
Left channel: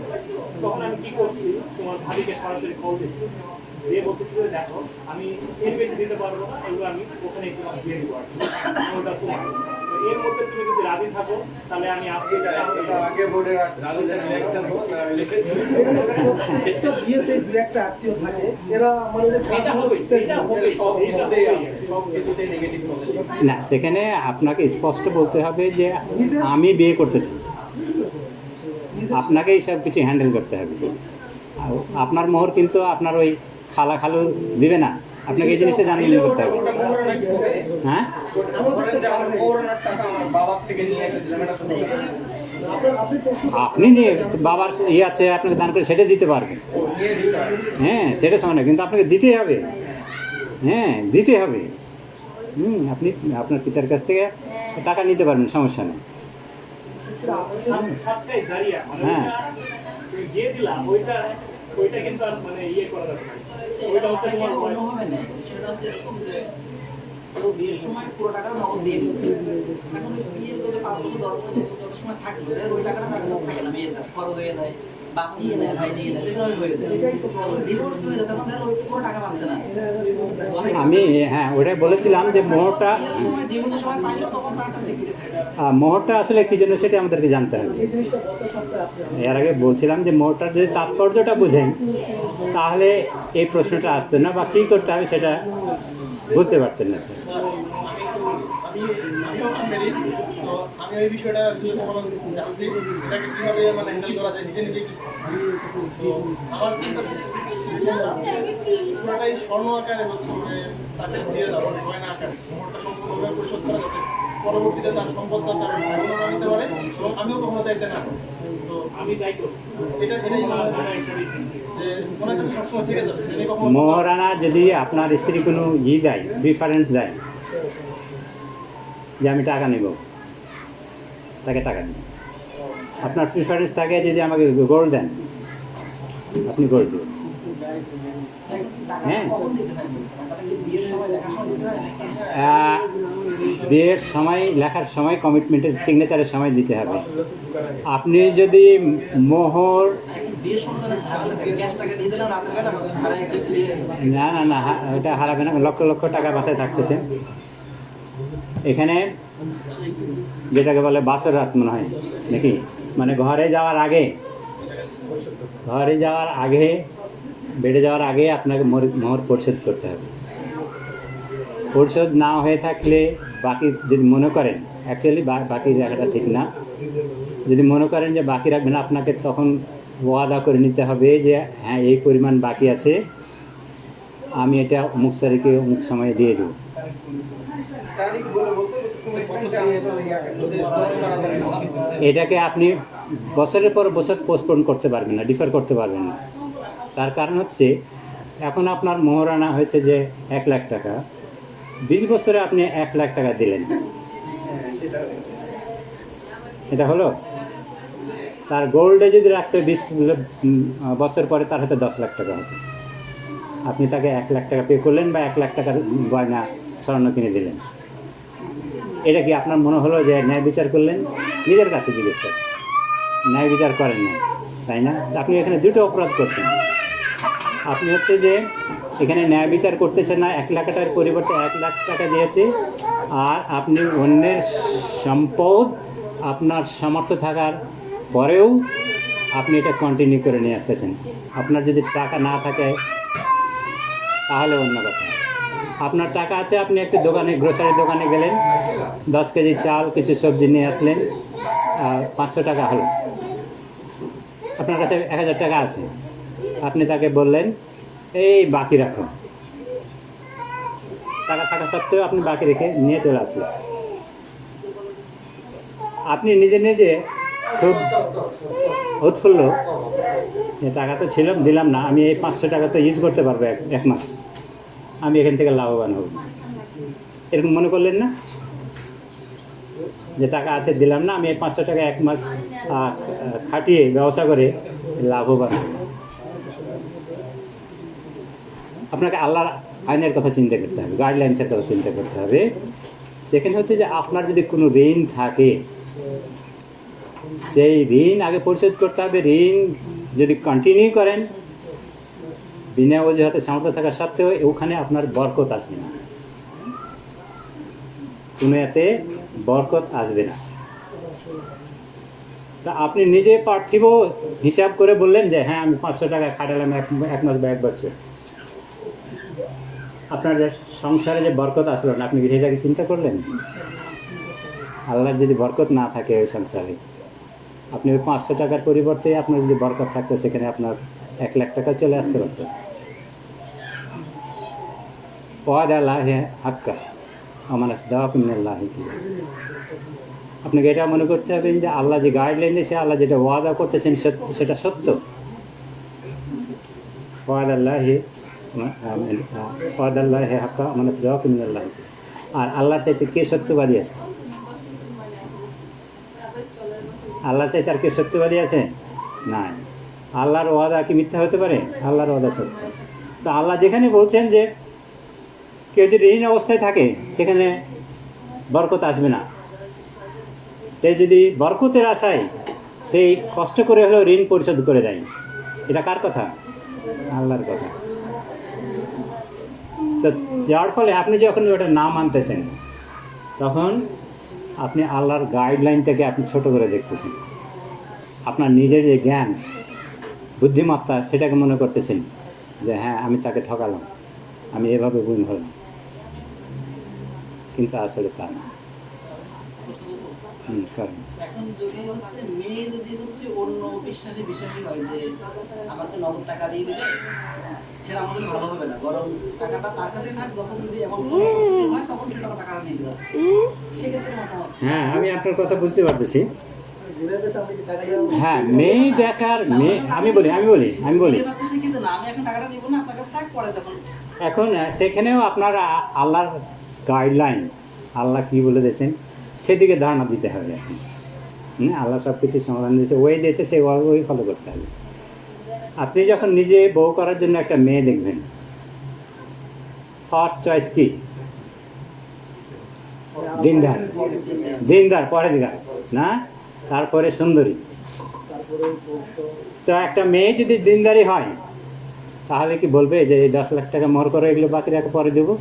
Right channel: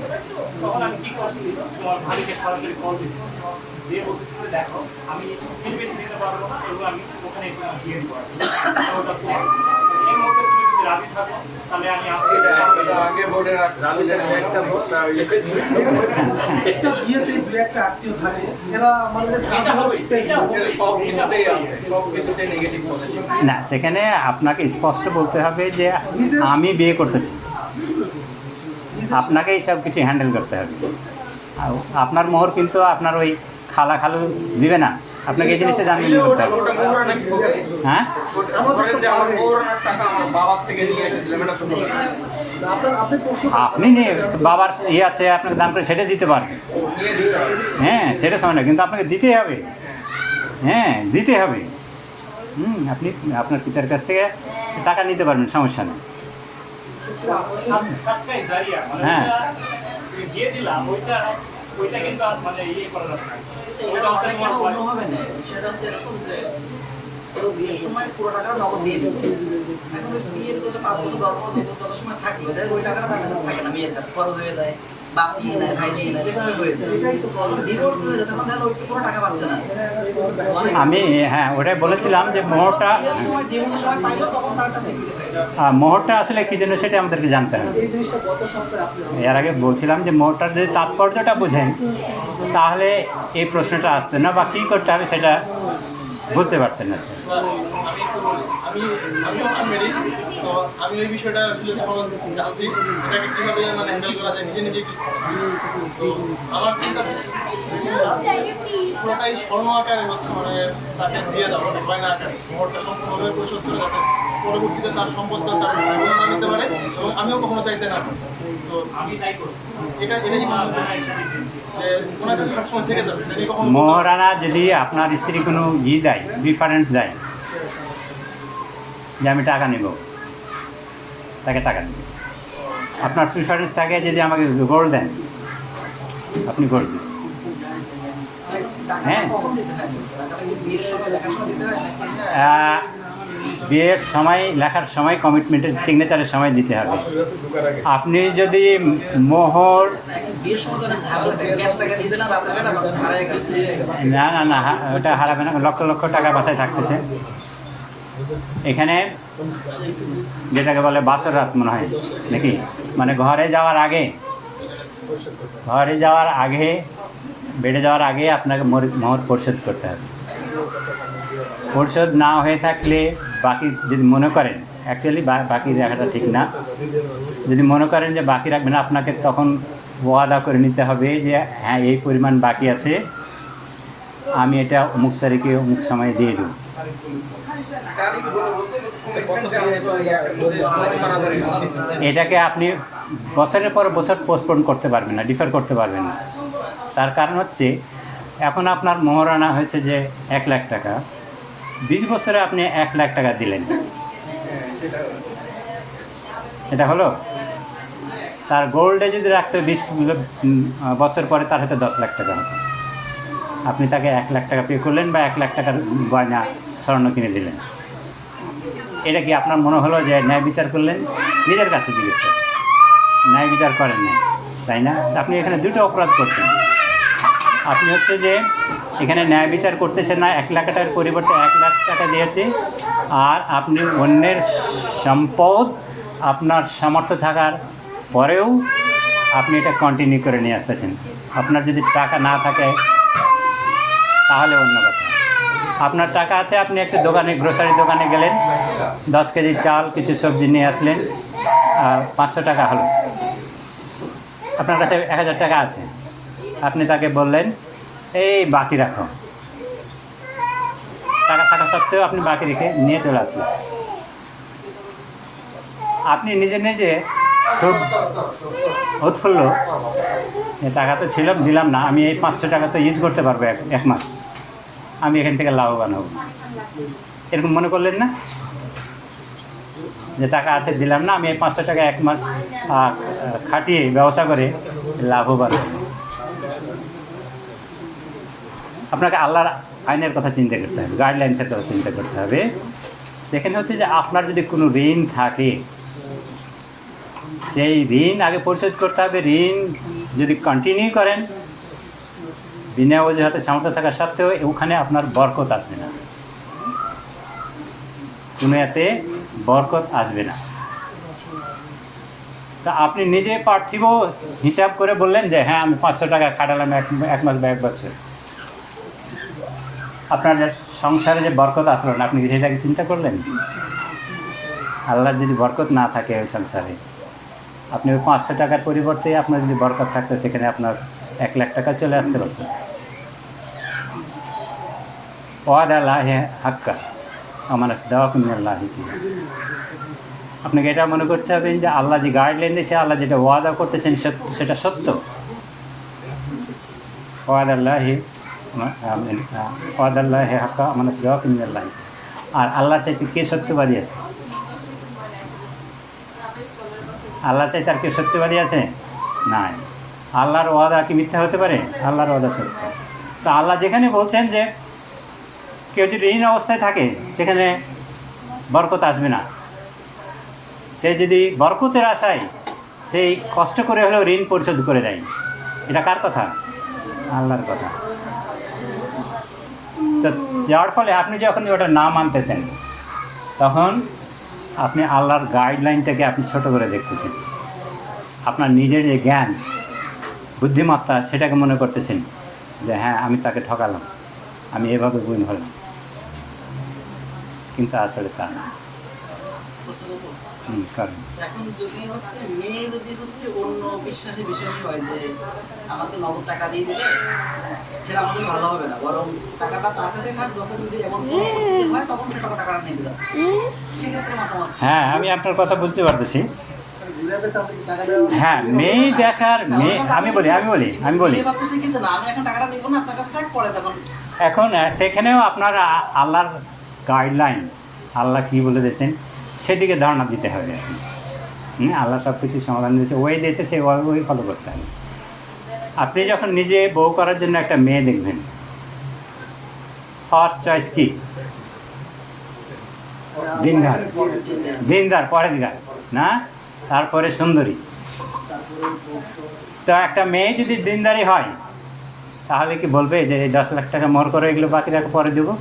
তখন আমি কি করছি, তোমার ভাবিকে সরাসরি কল দিচ্ছি, দিয়ে বলতেছিল দেখো আমি এর বেশি দিতে পারবো না, এগুলো আমি ওখানে তোমার দিয়ে দিব, ওটা তোমার। এর মধ্যে তুমি যদি রাজি থাকো তাহলে আমি আসতে আগে বোর্ডে একটা বিয়েতে দু একটা আত্মীয় থাকে, এরা আমাদের সব কিছুতেই আছে, সব কিছুতেই নেগেটিভ পজিটিভ। না, সেখানে আপনাকে স্পষ্ট বলতে হবে যে আমি বিয়ে করতেছি, আপনাকেই সব কিছু হ্যান্ডেল করতে হবে। আর আপনার মোহর কিন্তু আপনার ওই খালা খালু দিবে না, আপনাকে এই জিনিসটা জানলে করতে হবে। হ্যাঁ, আমার মৌরানার টাকা আমার বাবার থেকে নিয়ে এসেছিলাম, এটা শুনতে আপনি নিয়ে বাবার ইয়ে আছে, আপনাকে দান করে সেটা দিতে পারবেন, নিয়ে দিতে হবে। হ্যাঁ, সেটা সময় না, কিন্তু আপনাকে দিতে হবে, হ্যাঁ দিতে হবে। আপনি আপনার পিতার কাছ থেকে টাকা নিতে পারবেন, সমস্যা নেই। সাতটাই জারিয়া মানে হ্যাঁ। তুমি দিয়ে দিলাম, ওইটা কিন্তু আর মানে ইয়ে করা যাবে না। ওইটা হচ্ছে তোমার অন্য হবে না। সেটা হচ্ছে এরকম যে পুরো বিয়ের সময় পুরো টাকা নগদ দিয়ে দিবে। এখন ওই বিয়ের যত 5 বছর 10 বছর যত সময় থাকবে, তাই ওই টাকাটা তার কাছে থাকে না, মেয়ের কাছে খরচ হয়ে যায়, বাপ নিয়ে নেয়, ভাই নিয়ে নেয়, যেখানে হয়ে যায়। ডিভোর্স হয়ে যায়, তখন তাহলে ওই পুরো টাকা পাচ্ছে না। আমি হ্যাঁ ওটাই বলেছিলাম যে মোহরটা, ডিভোর্সের সময় পাইলো তখন তার একটা সিকিউরিটি থাকে। মোহরটা আসলে কি জন্য সেটা আমাদেরকে জানতে হবে। এই জিনিসটা গত সপ্তাহে আপনি এর আগে বলছিলাম যে মোহরটার যদি তাৎপর্যটা বুঝেন, তাহলে এই প্রশ্নটা আসতো না, বা কী করতে হবে সেটা বুঝতে পারতেন না। আমি একটু বলি, আমিও আনমেরিড, তো আমি এই বিষয়টা এখন জানছি এটাকে কীভাবে মানে হ্যান্ডেল করা যায়, নিজে নিজে তো আমার চিন্তা পুরোটাই স্বর্ণ আকারে হচ্ছে মানে তাকে দিয়ে দেওয়া, মানে গয়না আকারে মোহরটা সম্পূর্ণভাবে পরিশোধ করে, যাতে পরবর্তীতে তার সম্পদটা তার ভাইবোনও না নিতে পারে এবং আমিও কখনো চাইতে না পারি। তো আমি তাই করছি। এটাই মনে হচ্ছে যে ওনার কাছে সবসময় থেকে যাবে, তিনি কখনো মোহরানা যদি আপনার স্ত্রী কোনো দেয়, প্রিফারেন্স দেয় যে আমি টাকা নেব, তাকে টাকা দেবেন। আপনার প্রিফারেন্স থাকে যদি আমাকে গোল্ড দেন, আপনি গোল্ড দেবেন। হ্যাঁ, কখন দিতে থাকবে? টাকাটা কি বিয়ের সময় লেখার সময় দিতে হয় নাকি? বিয়ের সময়, লেখার সময়, কমিটমেন্টের সিগনেচারের সময় দিতে হবে। আপনি যদি মোহর এখন বিয়ের সময় তো অনেক ঝামেলা থাকে, ক্যাশ টাকা দিয়ে দিলাম, রাতের বেলা হারায় গেল, চুরি হয়ে গেল। না না না, ওটা হারাবে না, লক্ষ লক্ষ টাকা বাসায় থাকতেছে। এখানে যেটাকে বলে বাসর রাত মনে হয় নাকি, মানে ঘরে যাওয়ার আগে বেডে যাওয়ার আগে আপনাকে মোহর পরিশোধ করতে হবে। পরিশোধ না হয়ে থাকলে বাকি যদি মনে করেন, অ্যাকচুয়ালি বাকি রাখাটা ঠিক না, যদি মনে করেন যে বাকি রাখবেন, আপনাকে তখন ওয়াদা করে নিতে হবে যে হ্যাঁ এই পরিমাণ বাকি আছে, আমি এটা অমুক তারিখে অমুক সময়ে দিয়ে দেব। এটাকে আপনি বছরের পর বছর পোস্টপোন করতে পারবেন না, ডিফার করতে পারবেন না। তার কারণ হচ্ছে এখন আপনার মোহরানা হয়েছে যে 1 লাখ টাকা, 20 বছরে আপনি 1 লাখ টাকা দিলেন, এটা হলো। তার গোল্ডে যদি রাখতে 20 বছর পরে তার হাতে 10 লাখ টাকা হতো। আপনি তাকে 1 লাখ টাকা পে করলেন বা 1 লাখ টাকার গয়না স্বর্ণ কিনে দিলেন। এটা কি আপনার মনে হলো যে ন্যায় বিচার করলেন? নিজের কাছে জিজ্ঞেস করেন, ন্যায় বিচার করেন না, তাই না? আপনি এখানে দুটো অপরাধ করছেন। আপনি হচ্ছে যে এখানে ন্যায় বিচার করতেছেন না, 1 লাখ টাকার পরিবর্তে 1 লাখ টাকা দিয়েছে, আর আপনি অন্যের সম্পদ আপনার সামর্থ্য থাকার পরেও আপনি এটা কন্টিনিউ করে নিয়ে আসতেছেন। আপনার যদি টাকা না থাকে তাহলে অন্য কথা। আপনার টাকা আছে, আপনি একটা দোকানে, গ্রোসারি দোকানে গেলেন, 10 কেজি চাল, কিছু সবজি নিয়ে আসলেন, 500 টাকা হলো। আপনার কাছে 1000 টাকা আছে, আপনি তাকে বললেন এই বাকি রাখো। টাকা থাকা সত্ত্বেও আপনি বাকি রেখে নিয়ে চলে আসলেন। আপনি নিজে নিজে খুব উৎফুল্ল, টাকা তো ছিল, দিলাম না, আমি এই 500 টাকা তো ইউজ করতে পারবো এক মাস, আমি এখান থেকে লাভবান হব, এরকম মনে করলেন না? যে টাকা আছে, দিলাম না, আমি এই 500 টাকা 1 মাস খাটিয়ে ব্যবসা করে লাভবান হব। আপনাকে আল্লাহর আইনের কথা চিন্তা করতে হবে, গাইডলাইন্সের কথা চিন্তা করতে হবে। সেখানে হচ্ছে যে আপনার যদি কোনো ঋণ থাকে, সেই ঋণ আগে পরিশোধ করতে হবে। ঋণ যদি কন্টিনিউ করেন বিনা অজুহাতে সামর্থ্য থাকা সত্ত্বেও, ওখানে আপনার বরকত আসবে না, কোনো এতে বরকত আসবে না। তা আপনি নিজে পার্থিব হিসাব করে বললেন যে হ্যাঁ আমি 500 টাকা খাটালাম 1 মাস বা 1 বছর, আপনার যে সংসারে যে বরকত আসলো না, আপনি সেটাকে চিন্তা করলেন? আল্লাহর যদি বরকত না থাকে ওই সংসারে, আপনি ওই 500 টাকার পরিবর্তে আপনার যদি বরকত থাকতো, সেখানে আপনার 1 লাখ টাকা চলে আসতে পারত। ওয়াদা আল্লাহি হাক্কা আমানাস দাওয়াকুম মিনাল্লাহি। আপনাকে এটা মনে করতে হবে যে আল্লাহ যে গাইডলাইন দিয়েছে, আল্লাহ যেটা ওয়াদা করতেছেন সেটা সত্য। ওয়াদা আল্লাহি হাক্কা আমানাস দাওয়াকুম মিনাল্লাহি। আর আল্লাহ চাইতে কে সত্যবাদী আছে? আল্লাহ চাই তার কে সত্যবাদী আছে? নাই। আল্লাহর ওয়াদা কি মিথ্যা হতে পারে? আল্লাহর ওয়াদা সত্য। তো আল্লাহ যেখানে বলছেন যে কেউ যদি ঋণ অবস্থায় থাকে সেখানে বরকত আসবে না, সে যদি বরকতের আশায় সেই কষ্ট করে হলেও ঋণ পরিশোধ করে দেয়, এটা কার কথা? আল্লাহর কথা। তো যার ফলে আপনি যখন ওটা না মানতেছেন, তখন আপনি আল্লাহর গাইডলাইনটাকে আপনি ছোট করে দেখতেছেন। আপনার নিজের যে জ্ঞান, বুদ্ধিমত্তা, সেটাকে মনে করতেছেন যে হ্যাঁ আমি তাকে ঠকালাম, আমি এভাবে গুণ হলাম, কিন্তু আসলে তা না। কারণ এখন যদি হচ্ছে মেয়ে যদি হচ্ছে অন্য বিশ্বাসী হয় যে আমাকে নগদ টাকা দিয়ে দিলে সেটা আমাদের ভালো হবে না, বরং টাকাটা তার কাছে থাক, যখন যদি এমন কোনো পরিস্থিতি হয় তখন সে টাকাটা নিতে যাচ্ছে, সেক্ষেত্রে মতামত। হ্যাঁ, আমি আপনার কথা বুঝতে পারতেছি। হ্যাঁ, মেয়ে দেখার মেয়ে, আমি বলি ভাবতেছি কি যে না আমি এখন টাকাটা নিব না, আপনার কাছে থাক, পরে তখন। এখন সেখানেও আপনার আল্লাহর গাইডলাইন, আল্লাহ কী বলে দিয়েছেন সেদিকে ধারণা দিতে হবে। আল্লাহ সব কিছু সমাধান দিয়েছে, ওই দিয়েছে, সেই ওই ফলো করতে হবে। আপনি যখন নিজে বউ করার জন্য একটা মেয়ে দেখবেন, ফার্স্ট চয়েস কি? দিনদার পরেজগার না, তারপরে সুন্দরী। তো একটা মেয়ে যদি দিনদারি হয়, তাহলে কি বলবে যে 10 লাখ টাকা মোহর করে, এগুলো বাকি টাকা পরে দেবো?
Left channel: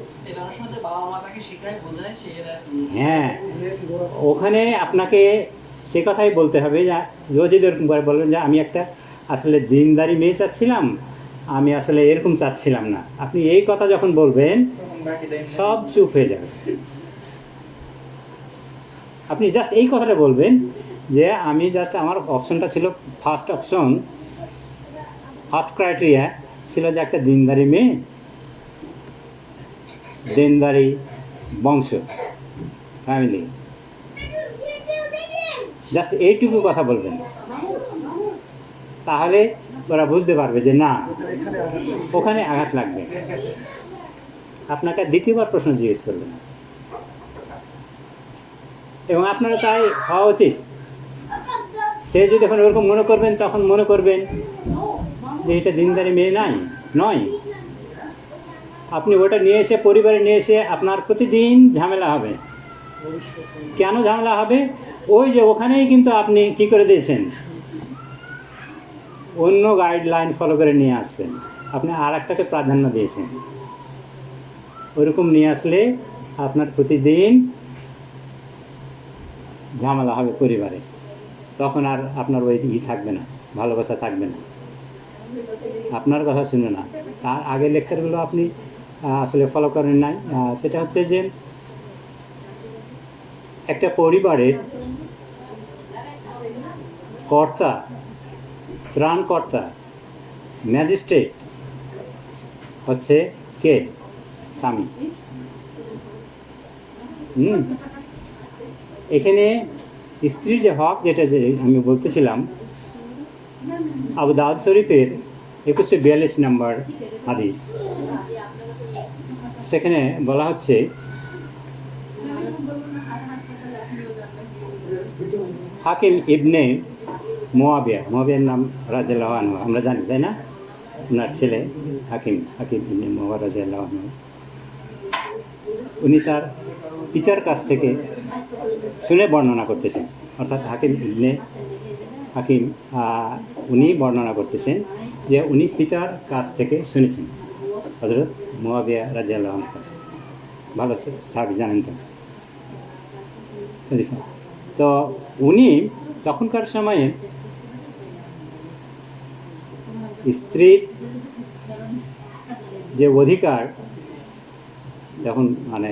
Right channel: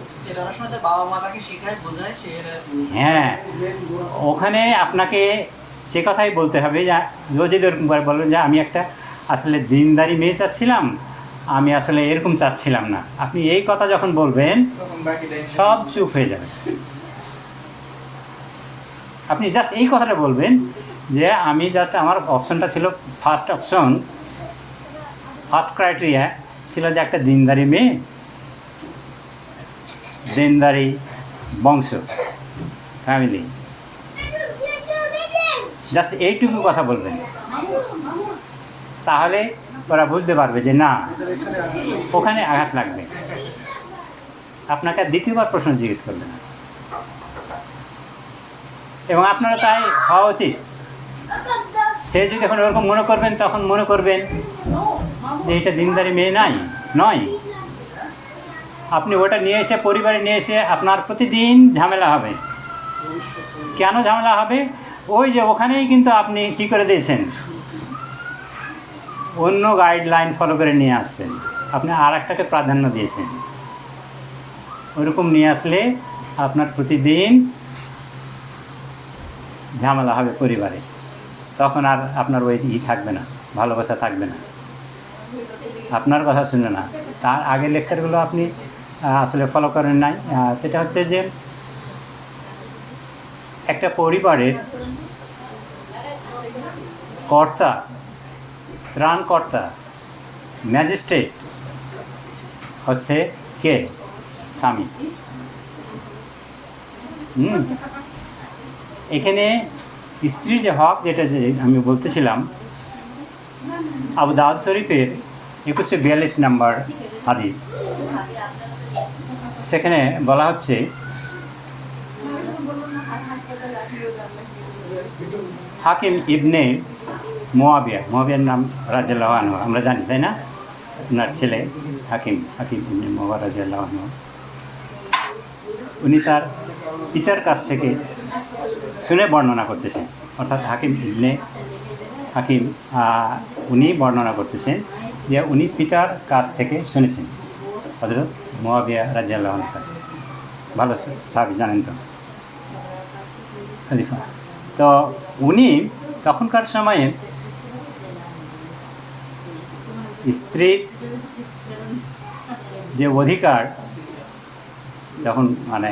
হ্যাঁ, ওখানে আপনাকে সে কথাই বলতে হবে। ও যদি ওরকম করে বলবেন যে আমি একটা আসলে দিনদারি মেয়ে চাচ্ছিলাম, আমি আসলে এরকম চাচ্ছিলাম না, আপনি এই কথা যখন বলবেন সব চুপ হয়ে যাবে। আপনি জাস্ট এই কথাটা বলবেন যে আমি জাস্ট আমার অপশনটা ছিল, ফার্স্ট অপশন, ফার্স্ট ক্রাইটেরিয়া ছিল যে একটা দিনদারি মেয়ে, দিনদারি বংশ, ফ্যামিলি, জাস্ট এইটুকু কথা বলবেন, তাহলে ওরা বুঝতে পারবে যে না, ওখানে আঘাত লাগবে। আপনাকে দ্বিতীয়বার প্রশ্ন জিজ্ঞেস করবে না, এবং আপনারা তাই হওয়া উচিত। সে যদি এখন ওরকম মনে করবেন, তখন মনে করবেন যে এটা দিনদারি মেয়ে নয়। আপনি ওটা নিয়ে এসে পরিবারে নিয়ে এসে আপনার প্রতিদিন ঝামেলা হবে, কেন ঝামেলা হবে? ওই যে ওখানেই কিন্তু আপনি কি করে দিয়েছেন, অন্য গাইডলাইন ফলো করে নিয়ে আসছেন, আপনি আর একটাকে প্রাধান্য দিয়েছেন। ওইরকম নিয়ে আসলে আপনার প্রতিদিন ঝামেলা হবে পরিবারে, তখন আর আপনার ওই থাকবে না, ভালোবাসা থাকবে না, আপনার কথা শুনবে না। তার আগের লেকচারগুলো আপনি আসলে ফলো করেন নাই। সেটা হচ্ছে যে একটা পরিবারের কর্তা, ত্রাণকর্তা, ম্যাজিস্ট্রেট হচ্ছে কে? স্বামী। এখানে স্ত্রীর যে হক, যেটা যে আমি বলতেছিলাম, আবু দাউদ শরীফের 2142 নম্বর হাদিস, সেখানে বলা হচ্ছে হাকিম ইবনে মুয়াবিয়ার নাম রাদিয়াল্লাহু আনহু, আমরা জানি তাই না? ওনার ছেলে হাকিম ইবনে মুয়াবিয়া রাদিয়াল্লাহু আনহু, উনি তার পিতার কাছ থেকে শুনে বর্ণনা করতেছেন, অর্থাৎ হাকিম উনি বর্ণনা করতেছেন যে উনি পিতার কাছ থেকে শুনেছেন, হযরত মুয়াবিয়া রাদিয়াল্লাহু আনহুর কাছে। ভালো সাহাবী, জানেন তো, খলিফা। তো উনি তখনকার সময়ে স্ত্রীর যে অধিকার, যখন মানে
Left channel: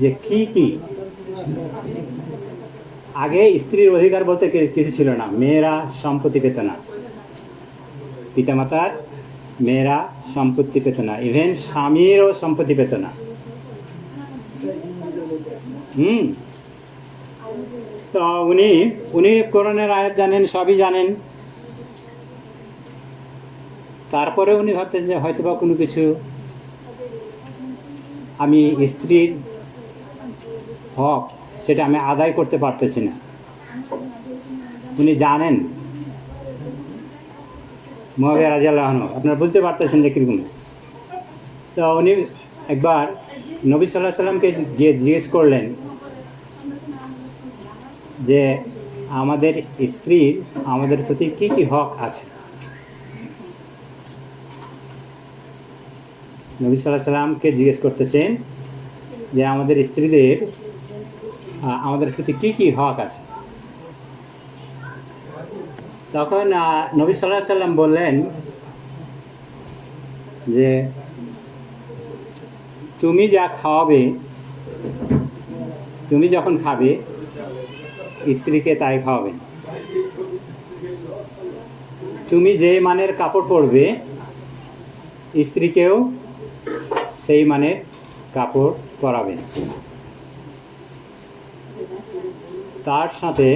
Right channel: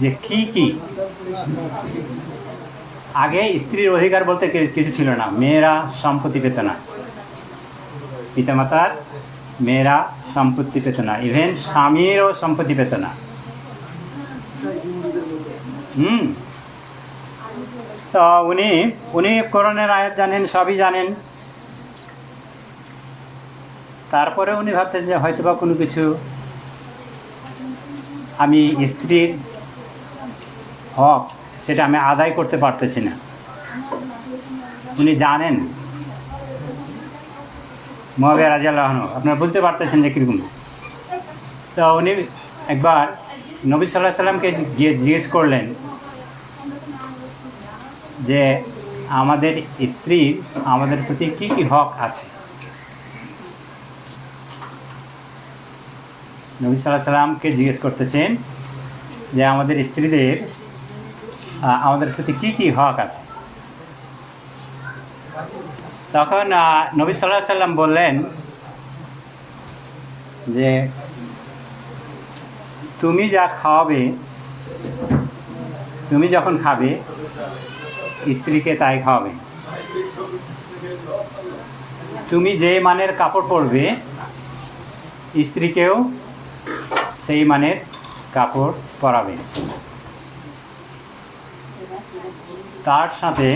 যে কি আগে স্ত্রীর অধিকার বলতে কিছু ছিল না। মেয়েরা সম্পত্তি পেত না, পিতামাতার মেয়েরা সম্পত্তি পেত না, ইভেন স্বামীরও সম্পত্তি পেত না। তো উনি কোরআনের আয়াত জানেন, সবই জানেন, তারপরে উনি ভাবতেন যে হয়তোবা কোনো কিছু আমি স্ত্রীর হক সেটা আমি আদায় করতে পারতেছি না। উনি জানেন মুয়াবিয়া রাদিয়াল্লাহু আনহু, আপনারা বুঝতে পারতেছেন যে কীরকম। তো উনি একবার নবী সাল্লাল্লাহু আলাইহি সাল্লামকে গিয়ে জিজ্ঞেস করলেন যে আমাদের স্ত্রীর আমাদের প্রতি কী কী হক আছে। নবী সাল্লাল্লাহু আলাইহি সাল্লামকে জিজ্ঞেস করতেছেন যে আমাদের স্ত্রীদের আমাদের প্রতি কী কী হক আছে। তখন নবী সাল্লাল্লাহু আলাইহি সাল্লাম বললেন যে তুমি যা খাওয়াবে, তুমি যখন খাবে স্ত্রীকে তাই খাওয়াবে, তুমি যে মানের কাপড় পরবে স্ত্রীকেও সেই মানের কাপড় পরাবে, তার সাথে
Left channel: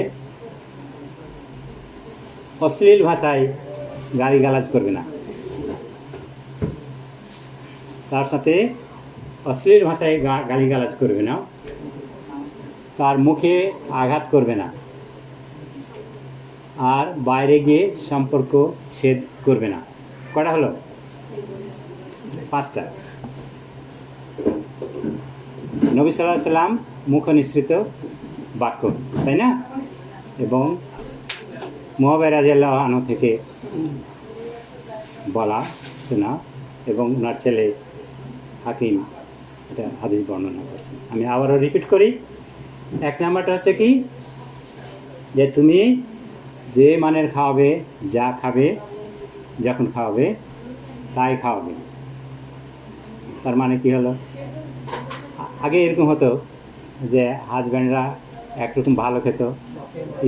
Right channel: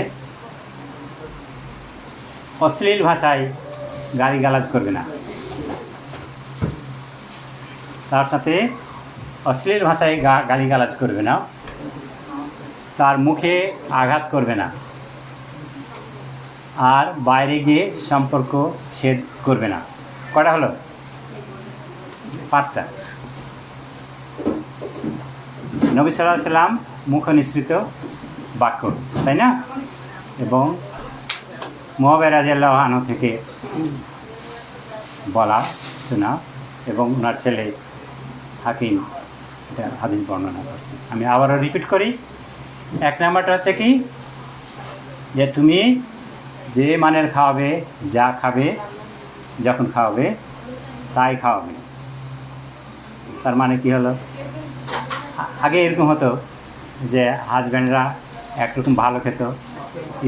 অশ্লীল ভাষায় গালিগালাজ করবে না, তার সাথে অশ্লীল ভাষায় গালিগালাজ করবে না, তার মুখে আঘাত করবে না, আর বাইরে গিয়ে সম্পর্ক ছেদ করবে না। কটা হলো? 5টা। নবী সাল্লাল্লাহু আলাইহি সাল্লাম মুখ নিঃসৃত বাক্য, তাই না? এবং মুয়াবিয়া রাদিয়াল্লাহু আনহু থেকে বলা শোনা, এবং ওনার ছেলে হাকিম এটা হাদিস বর্ণনা করছে। আমি আবারও রিপিট করি। 1 নাম্বারটা হচ্ছে কি, যে তুমি যে মানের খাওয়াবে, যা খাবে, যখন খাওয়াবে তাই খাওয়াবে। তার মানে কি হলো, আগে এরকম হতো যে হাজব্যান্ডরা একরকম ভালো খেত,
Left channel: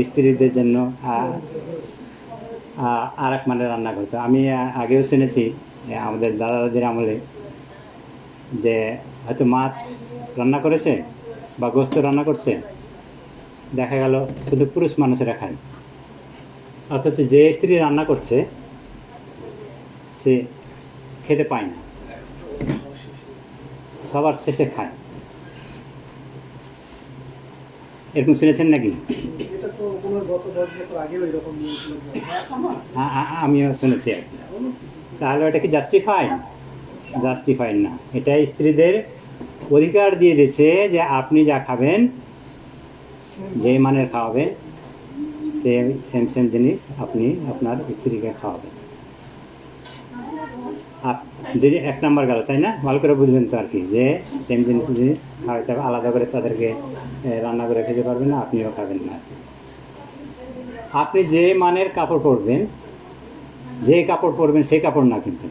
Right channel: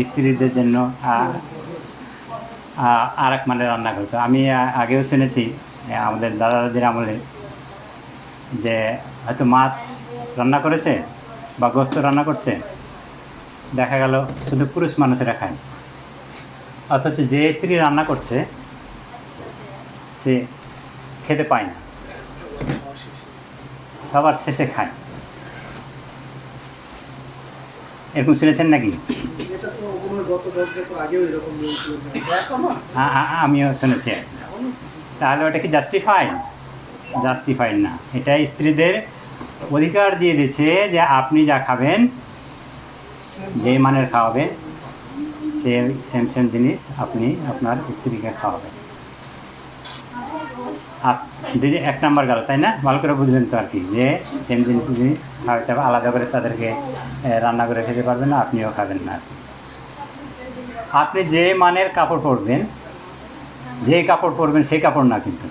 স্ত্রীদের জন্য আর এক মানের রান্না করতো। আমি আগেও শুনেছি আমাদের দাদা দাদির আমলে যে হয়তো মাছ রান্না করেছে বা গোস্ত রান্না করছে, দেখা গেল শুধু পুরুষ মানুষেরা খায়, অথচ যে স্ত্রী রান্না করছে সে খেতে পায় না, সবার শেষে খায়। এরকম শুনেছেন নাকি? এটা তো তোমার গত 10 বছর আগেও এরকম নিয়ম ছিল, এখনো আছে। আমিও শুনেছি। তাহলে ওটা কি জাস্টিফাইড? জাস্টিফাইড না। এটা স্ত্রীদের অধিকার দিয়ে দিয়েছে যে আপনি যা খাবেন, যে মানের খাওয়াবেন, সেম সেম জিনিস আপনি আপনার স্ত্রীকে খাওয়াবেন। এক নাম্বার গেল, তাই না? ভালো করে বুঝলেন তো আর কি, যে সেম জিনিস খাওয়াতে হবে, আলাদা করে তাদেরকে রান্না করে খেতে পারবেন না, আপনিও খাবেন না আর কি। আপনি যে মানের কাপড় পরবেন, যে কাপড় পরবেন সেই কাপড় না কিন্তু।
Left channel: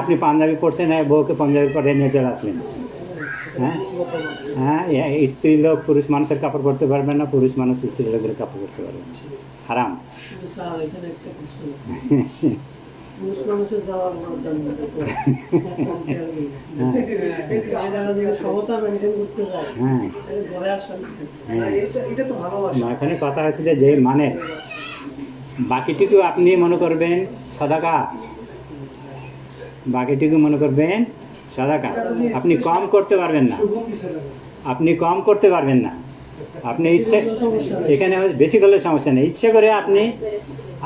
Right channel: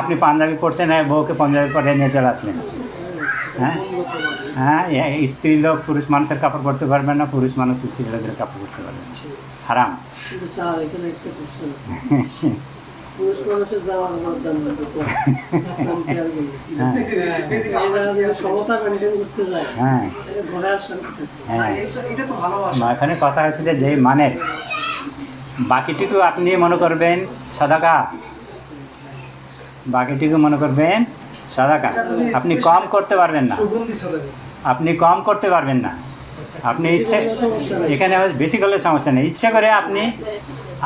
আপনি পাঞ্জাবি পরছেন, বউকে পাঞ্জাবি পরে নিয়ে চলে আসলেন, হ্যাঁ হ্যাঁ, স্ত্রী লোক পুরুষ মানুষের কাপড় পরতে পারবেন না, পুরুষ মানুষ স্ত্রী লোকদের কাপড় পরতে পারবেন, হারাম। কিন্তু স্যার এখানে একটা কোশ্চেন আছে, পুরুষ মানুষের জামার দাম সমতা মেনটেন করতে যায়, হ্যাঁ ঘরে আসেন। হ্যাঁ, এটা তো ভালোবাসা। এখানে কথা হচ্ছে যে যেই মানের, বাকিটুকু আপনি মনে করবেন সাদাকা, বাকিটুকু মনে করবেন সাদাকা। আপনি কম করতে পারবেন না, সুগন্ধি চলে গেল। আপনি কম করতে পারবেন না। আপনি ইচ্ছে, এখানে বেশি করলে সমস্যা নেই, ইচ্ছে করে আপনি,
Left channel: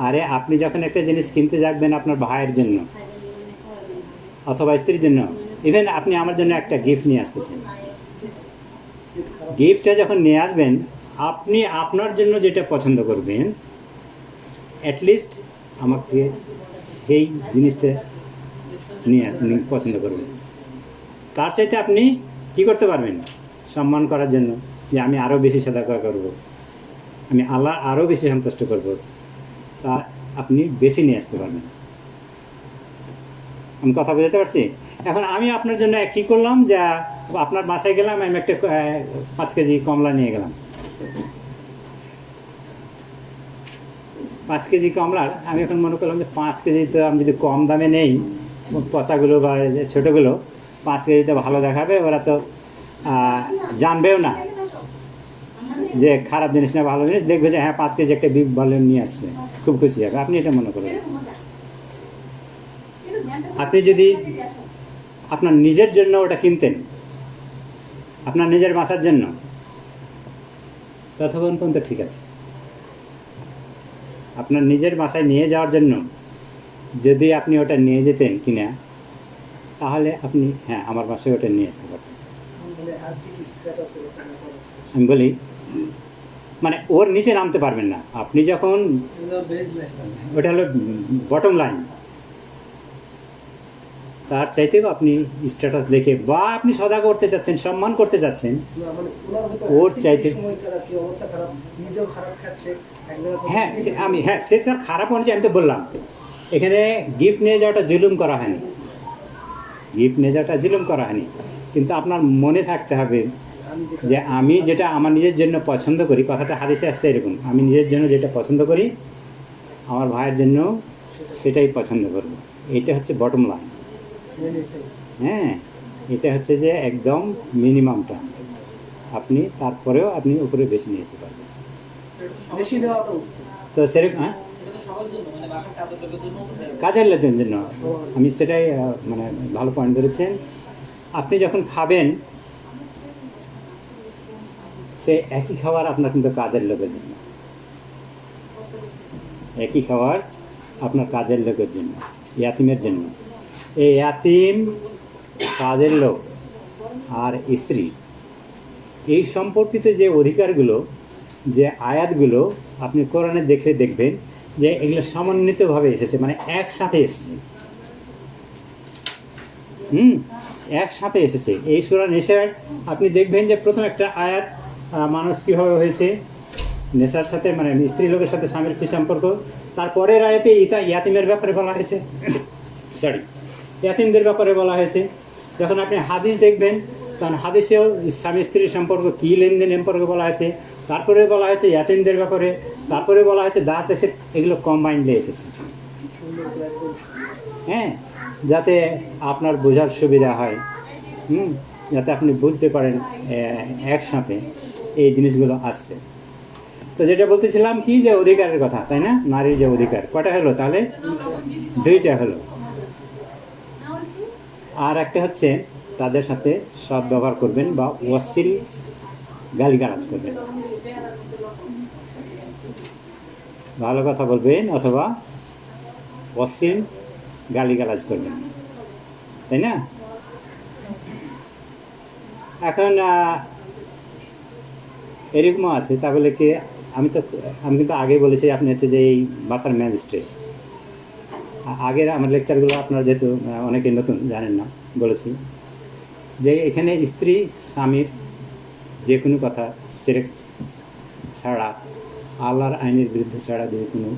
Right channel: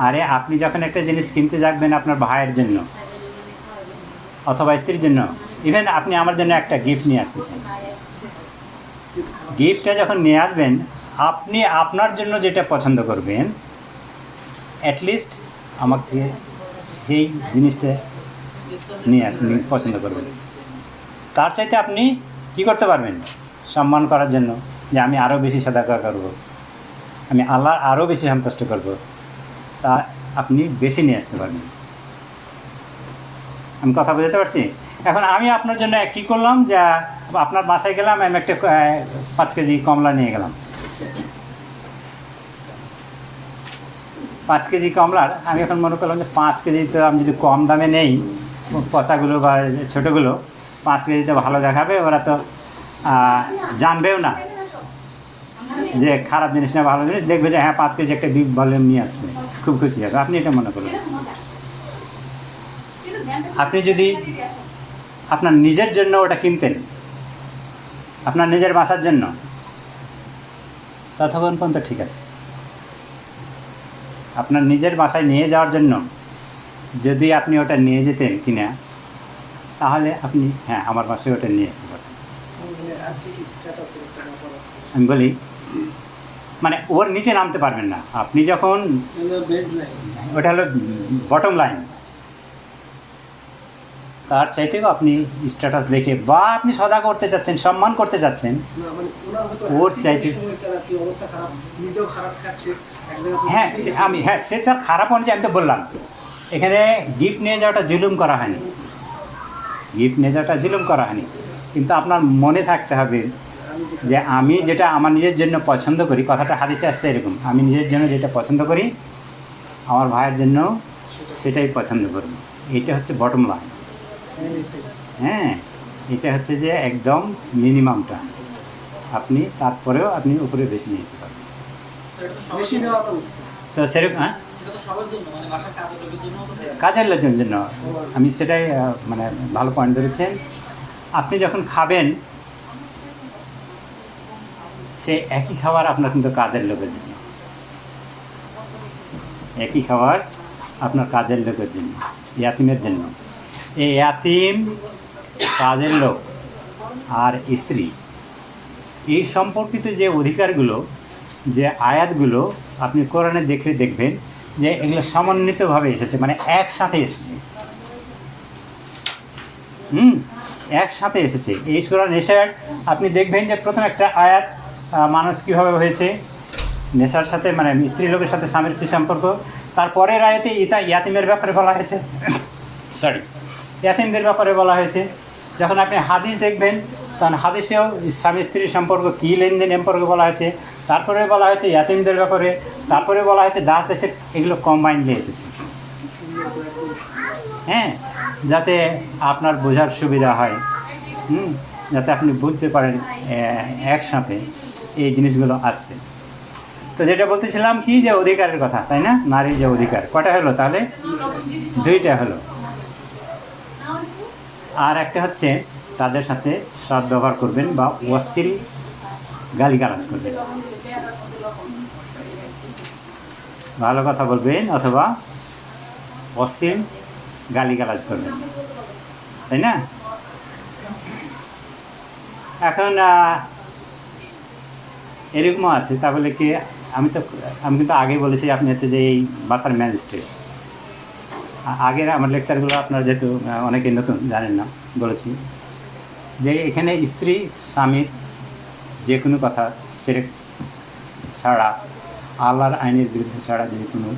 আরে আপনি যখন একটা জিনিস কিনতে যাবেন আপনার ভাইয়ের জন্য অথবা স্ত্রীর জন্য, ইভেন আপনি আমার জন্য একটা গিফট নিয়ে আসতেছেন, গিফটটা যখন নিয়ে আসবেন, আপনি আপনার জন্য যেটা পছন্দ করবেন, অ্যাটলিস্ট আমাকে সেই জিনিসটা নিয়ে পছন্দ করবেন। তার চাইতে আপনি কি করতে পারবেন? সম্মান করার জন্য, যে আমি আরও বেশি সাদাকা করব, আমি আল্লাহ আরও বেশি সন্তুষ্ট করব, তা আপনি বেশি নিয়ে আসতে পারবেন। আমি কথা বুঝতে পারছি? এখন আমি আপনার জন্য কী করলাম, যে আপনার বাসায় গেলাম, আমি একটা 5 কেজি কমলা নিয়ে গেলাম। 5 কেজি কমলার আমি এখন মনে করলাম যে 5 কেজি তো আমি যদি কম দামে নেই, পচাগুলো বা ছোটোগুলো 5 কেজিতে ভালো দেখাবে, ওরা তো জানবেও না যে খারাপ জিনিস না ভালো জিনিস, দেখবে যে হ্যাঁ 5 কেজি একটা বিগ ভলিউম নিয়ে আসছে, খুব খুশি হবে। আপনি এটা মনে করুন। আপনি যদি আপনার নিজের জন্য ওটা কিনতেন, আপনার নিজের বাসার জন্য, ততক্ষণ পর্যন্ত ঠিক আছে। আপনার নিজের বাসায় নিয়ে যাওয়ার জন্য যদি আপনি ওটা নিয়ে যেতেন কিনা, তাহলে আপনি হ্যাঁ আমার বাসায় ওটা নিয়ে আসতে পারতেন। আমি বলি, মানে ওর নিচে নামতে পারবেন না আপনি যখন, ওটা হলো বটম লাইন। তার চাইতেও আপনি স্ট্যাটাস দেখে, বা আপনি সদা করতে চাচ্ছেন, সম্মান করতে চাচ্ছেন, ওর চাইতে হ্যাঁ হ্যাঁ সে তার খারাপ অনুযায়ী, আমি তো বললাম এখানে গিফট নিয়ে যাওয়াটা জুলুম করা হয়নি, গিফট নিয়ে যাওয়াটা জুলুম করা হয়নি, কিন্তু আপনার মনে থাকতে হবে যে আমি যেটা আমার নিজের জন্য পছন্দ করি, কথাটা হাদিসে আসছে এরকম, আমি নিজের জন্য যেটা পছন্দ করি আমার ভাইয়ের জন্য সেটাই পছন্দ করব। এটা হচ্ছে বটম লাইন। হ্যাঁ, এটা হচ্ছে যে একদম মিনিমামটা, আপনি তারপরেও আপনি উপরে বেশি নিয়ে যেতে পারবেন। তো সেরকম হ্যাঁ, কাজের লোকের জন্য আমি সেটাই মানে ভালো পয়েন্ট ধরেছেন। আপনি যখন খাবেন সেই একই খাবার আপনার কিন্তু কাজের লোকের জন্য, একই খাবার আপনার কাজের লোকের জন্য, ইয়াতিমের জন্য। এই ইয়াতিম, কাজের লোক আর স্ত্রী, এই সম্পর্কিত যে অধিকারগুলো, যে আয়াতগুলো আপনি কোরআনে দেখলে দেখবেন যে এগুলো সমন্বিতভাবে এসেছে, মানে একসাথে এসেছে। একসাথে এসেছে। এই সূরা নিসার আপনি দেখবেন যে প্রথম একটা আয়াত মানুষ কীভাবে হয়েছে, নেশার সাথে, মানে স্ত্রী লোকের সাথে স্বামীর কী সম্পর্ক। তারপরের আয়াতে ইয়াতিমের ব্যাপারে বলা হয়েছে, ইয়াতিমদের ব্যাপারে বলা হয়েছে। যখন আপনি হাদিস দেখবেন তখন হাদিসেও স্বামী স্ত্রীর সম্পর্ক কী, লেনদেন সম্পর্কে বলা হয়েছে। তারপরে বলা হয়েছে ইয়াতিমদের ব্যাপারে, তারপরে বলা হয়েছে দাঁত দেশে, এগুলো কম্বাইন্ডলি এসেছে। হ্যাঁ, যাতে আপনার বোঝার সুবিধা হয়, যাতে আপনি বুঝতে পারেন একসাথে এই জিনিসগুলো আসছে। তো যেটা বলতেছিলাম কি, যে অধিকারের কথা, তাই না? নারীর যে অধিকার, কটা হলো তাহলে? 2টা হলো। আর একটা হচ্ছে তাদের সাথে সদ্ব্যবহার করবেন বা অশ্লীল গালিগালাজ করবেন, ভালো কথা বলবেন অথবা অশ্লীল গালিগালাজ করবেন, তাই না? এখন এরকমও আছে, তা বলে কি আমি কিন্তু আগে বলেছি আপনি হচ্ছে যে এই বাসার ম্যাজিস্ট্রেট। আগের আমার লেকচারগুলো আপনারা যেহেতু অনেকে নতুন জানেন না, বলেছি যে এখানে স্ত্রী স্বামীর যে কোনো কথা শিরক ছাড়া, আল্লাহর আইনের বিরুদ্ধে ছাড়া যদি কোনো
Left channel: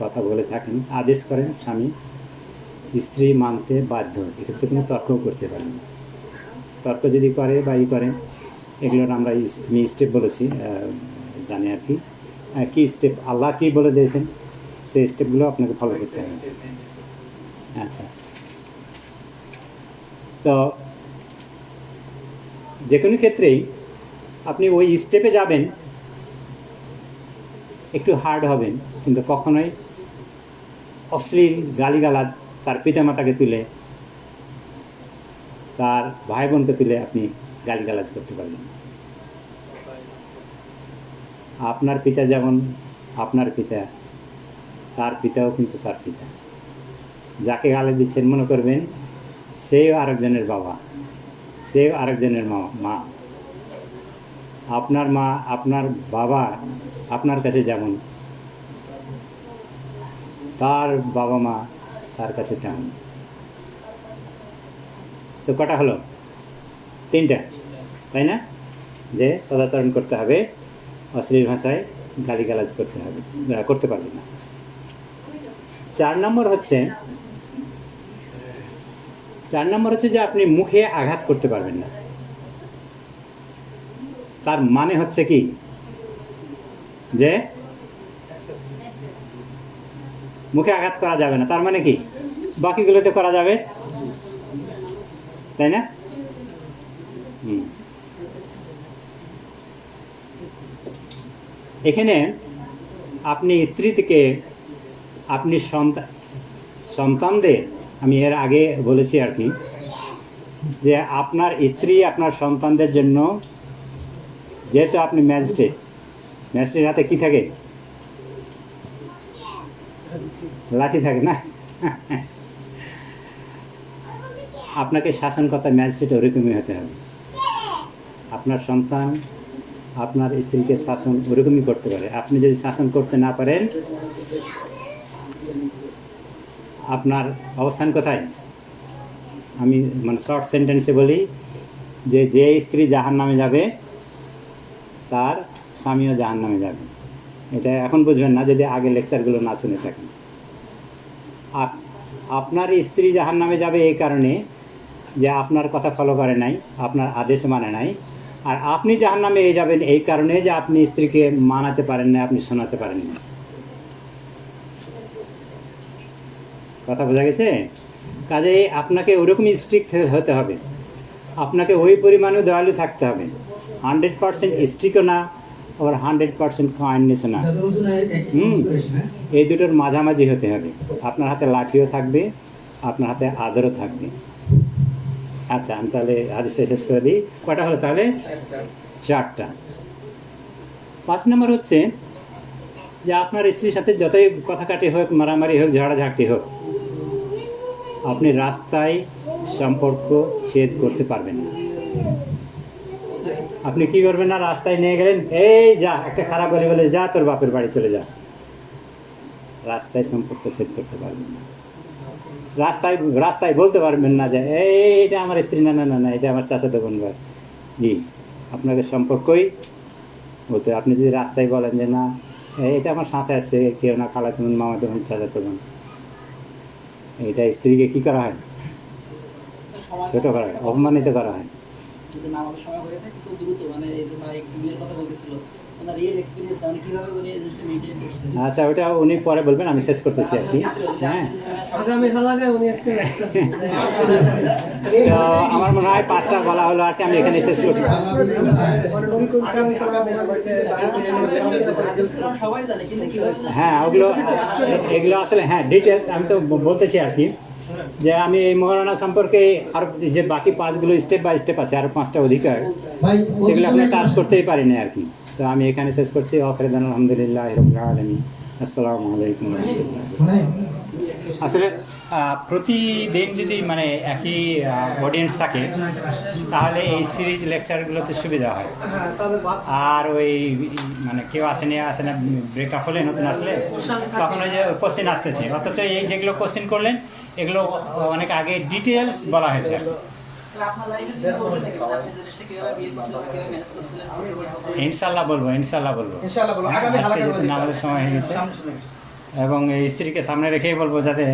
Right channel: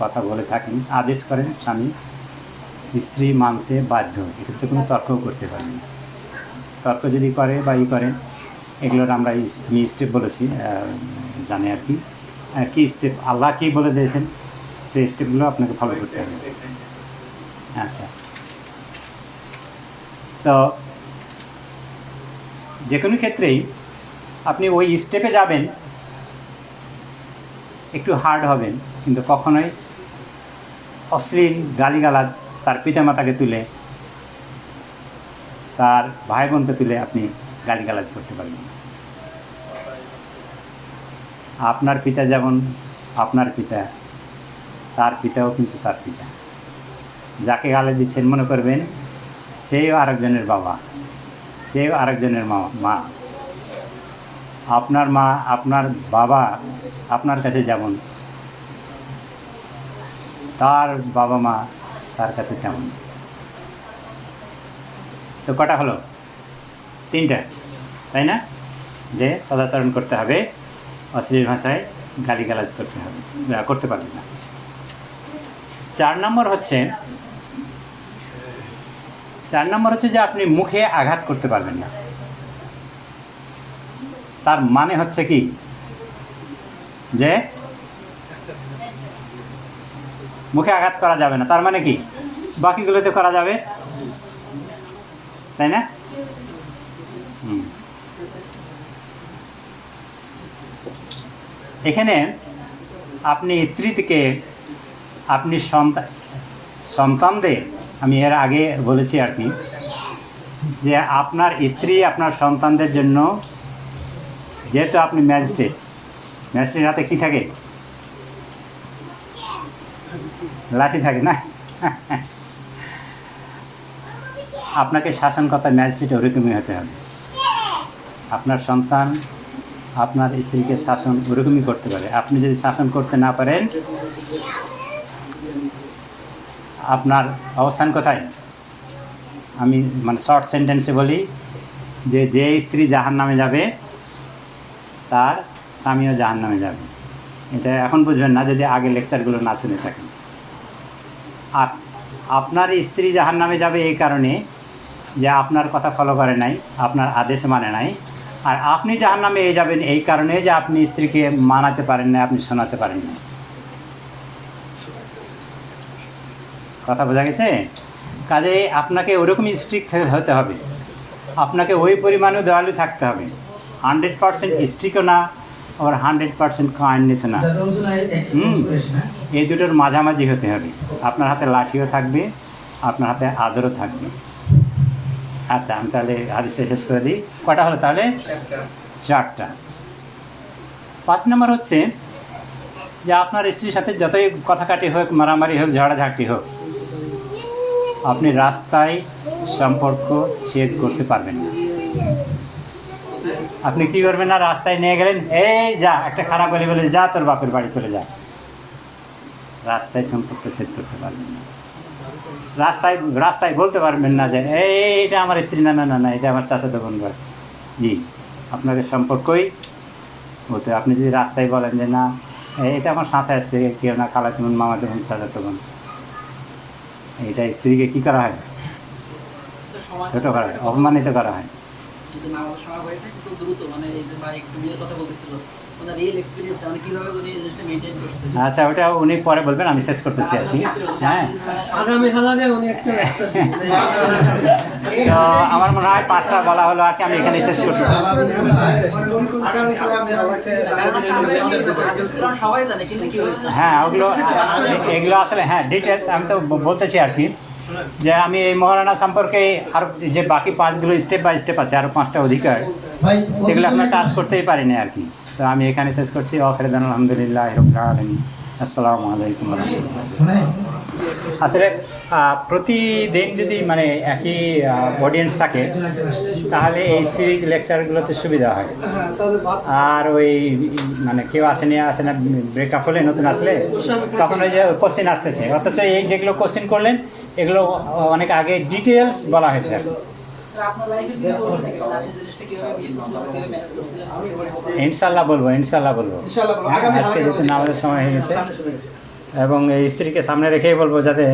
কথা বলে থাকেন, আদেশ করেন, স্বামী স্ত্রী মানতে বাধ্য। এক্ষেত্রে কোনো তর্কও করতে পারেন না। তর্ক যদি করে বা করেন, এগুলোর আমরা আমি স্টেপ বলেছি, জানি আর কি কী স্টেপ আল্লাহ কী বলে দিয়েছেন, সেই স্টেপগুলো আপনাকে ফলো করতে হবে। আচ্ছা, তো যে কোনো ক্ষেত্রেই আপনি ওই স্টেপে যাবেন, একটু হার্ড হবেন, কিন্তু কখনোই অশ্লীল গালিগালাজ তার পিতামাতাকে তুলে, তার ভাই বোনকে তুলে আপনি গালিগালাজ করতে পারবেন না। আপনার পিতা যেমন আপনার পিতা, তার পিতাও কিন্তু তার পিতা। যাকে গালি দিচ্ছেন মনে করবেন সেও আরেকজনের বাবা, সেও আরেকজনের মা। আপনার মা, আপনার বাবা আপনার কাছে যেমন, তার বাবা মা তার কাছে তেমন। তো কটা হলো? 3টা, তাই না? যে সদাচরণ করতে হবে, অশ্লীল ভাষায় গালিগালাজ করতে পারবে না। 4 নম্বর হচ্ছে যে আপনি মুখে আঘাত করতে পারবেন না। তার মানে হচ্ছে কি যে মুখে আঘাত করা যাবে না, তার মানে কি বাকিগুলোতে করা যাবে, তাই না? এখানে আপনি স্ত্রী থেকে আপনি সন্তানদের, আমি এর আগে বলেছি আর কি, যে আপনার স্ত্রী আপনার সন্তানদের জন্য, যেহেতু আপনি ম্যাজিস্ট্রেট হাতে কি থাকে? লাঠি থাকে না? আপনাকে শাসনকর্তা ম্যাজিস্ট্রেট ওরকমই হতে হবে। আপনার সন্তান আপনার স্ত্রীকে শাসন ওরকমই করতে পারে। আপনি যদি শাসন করতে না পারেন, আপনার অবস্থান কোথায়? আমি শর্ট সেন্টেন্সে বলি যে স্ত্রী জাহান্নামে যাবে, তার স্বামীও জাহান্নামে যাবে। এটা এখন বুঝবেন না যদি আগের লেকচারগুলো না শুনে থাকেন। আপনার স্ত্রী জাহান্নামে যাবে এই কারণে যে আপনার কথা ফলো করে নাই, আপনার আদেশ মানে নাই। আর আপনি জাহান্নামে যাবেন এই কারণে যে আপনি স্ত্রীকে মানাতে পারেন না, আপনি শোনাতে পারেন না। কথা বোঝা গেছে? কাজেই আপনাকে ওরকমই স্ট্রিক্ট হতে হবে, আপনাকে ওই পরিমাণেও দয়ালু থাকতে হবে। 100% স্ট্রিক্টও না, আবার 100% কাইন্ডনেসও না। এই দুটোর মাঝামাঝি হতে হবে। আপনার হাতে লাঠিও থাকবে, আপনার হাতে আদরও থাকবে। আচ্ছা, আমি তাহলে হাদিসটা শেষ করে দিই। কটা হলো তাহলে? 4টা। 5 নম্বর হচ্ছে যে আপনার স্ত্রীর সাথে যতই কথা কাটি হোক, মারামারি হোক, ঝগড়াঝাঁটি হোক, আপনি রাস্তায় সম্পর্ক ছেদ করতে পারবেন না। আপনি কি করবেন না? রাস্তায় নিয়ে গেলেন, এই যা, একটা খারাপ গালি বলে যা, তোর বাপের বাড়ি চলে যা। রাস্তায় সম্পর্ক ছেদ করতে পারবেন না। রাস্তায় বলতে পারবেন না যে এইটা আমার স্ত্রী, না না না না, এটা আমার চাচাতো বোন ভাই। আপনাদের সম্পর্কই বলতে, আপনি যদি রাস্তায় বলেন যে না এটা আমার সাথে আসছে, কেউ না, খালাতো বোন, মামাতো বোন, চাচাতো বোন, এটা স্ত্রীকে কী করা হয়? ছোটো করা হয়, অপমানিত করা হয়। আচ্ছা, ওটা উনি পরে বলবেন, আমি শেষ করতেছি আর কি। হ্যাঁ, তো আমার মনে হয় 5টা বলা হলো আর কি, আমি এখানে শেষ করতে। হ্যাঁ, এগুলো আসলে হ্যাঁ ডিটেলস আমি তো বলতেছি আর কি, যে আমি এই মহারানা সম্পর্কে আর যে বাকি 5গুলো স্টেপ বাই স্টেপ আছে, আরও 5টা অধিকার, সেগুলো আপনার টাচ করতেই পারিনি আর কি। তো আমি এখানে শেষ করছি। আলহামদুলিল্লাহ রাব্বিল আলামিন। আসসালামু আলাইকুম আসলে প্রতিদিন যদি মানে একই অডিয়েন্স থাকে তাহলে এই সিরিজ লেকচারগুলোতে সুবিধা হয়। হ্যাঁ তাহলে আর ওই মানে কেউ আসে না ব্রেকআপ হলে নতুন আসলে তখন ওই যে কোশ্চেন আসতেছে, অথচ এই যেগুলো কোশ্চেন করলেন এগুলো অনেক আগে ডিটেলস বলা হয়েছে আর কি। স্যার আপনার লাইফে কিছু বলবেন নাকি মানে আপনি জিনিসটা কিভাবে বিয়ে করছিলেন কিভাবে ম্যানেজ করছিলেন? ইনশাল্লাহ বলবো। ইনশাআল্লাহ বলবো আগামী আজকে যেহেতু নামাজের সময় হয়ে গেছে এবং এই স্ত্রীকে সামনে রেখেই বলবো যাতে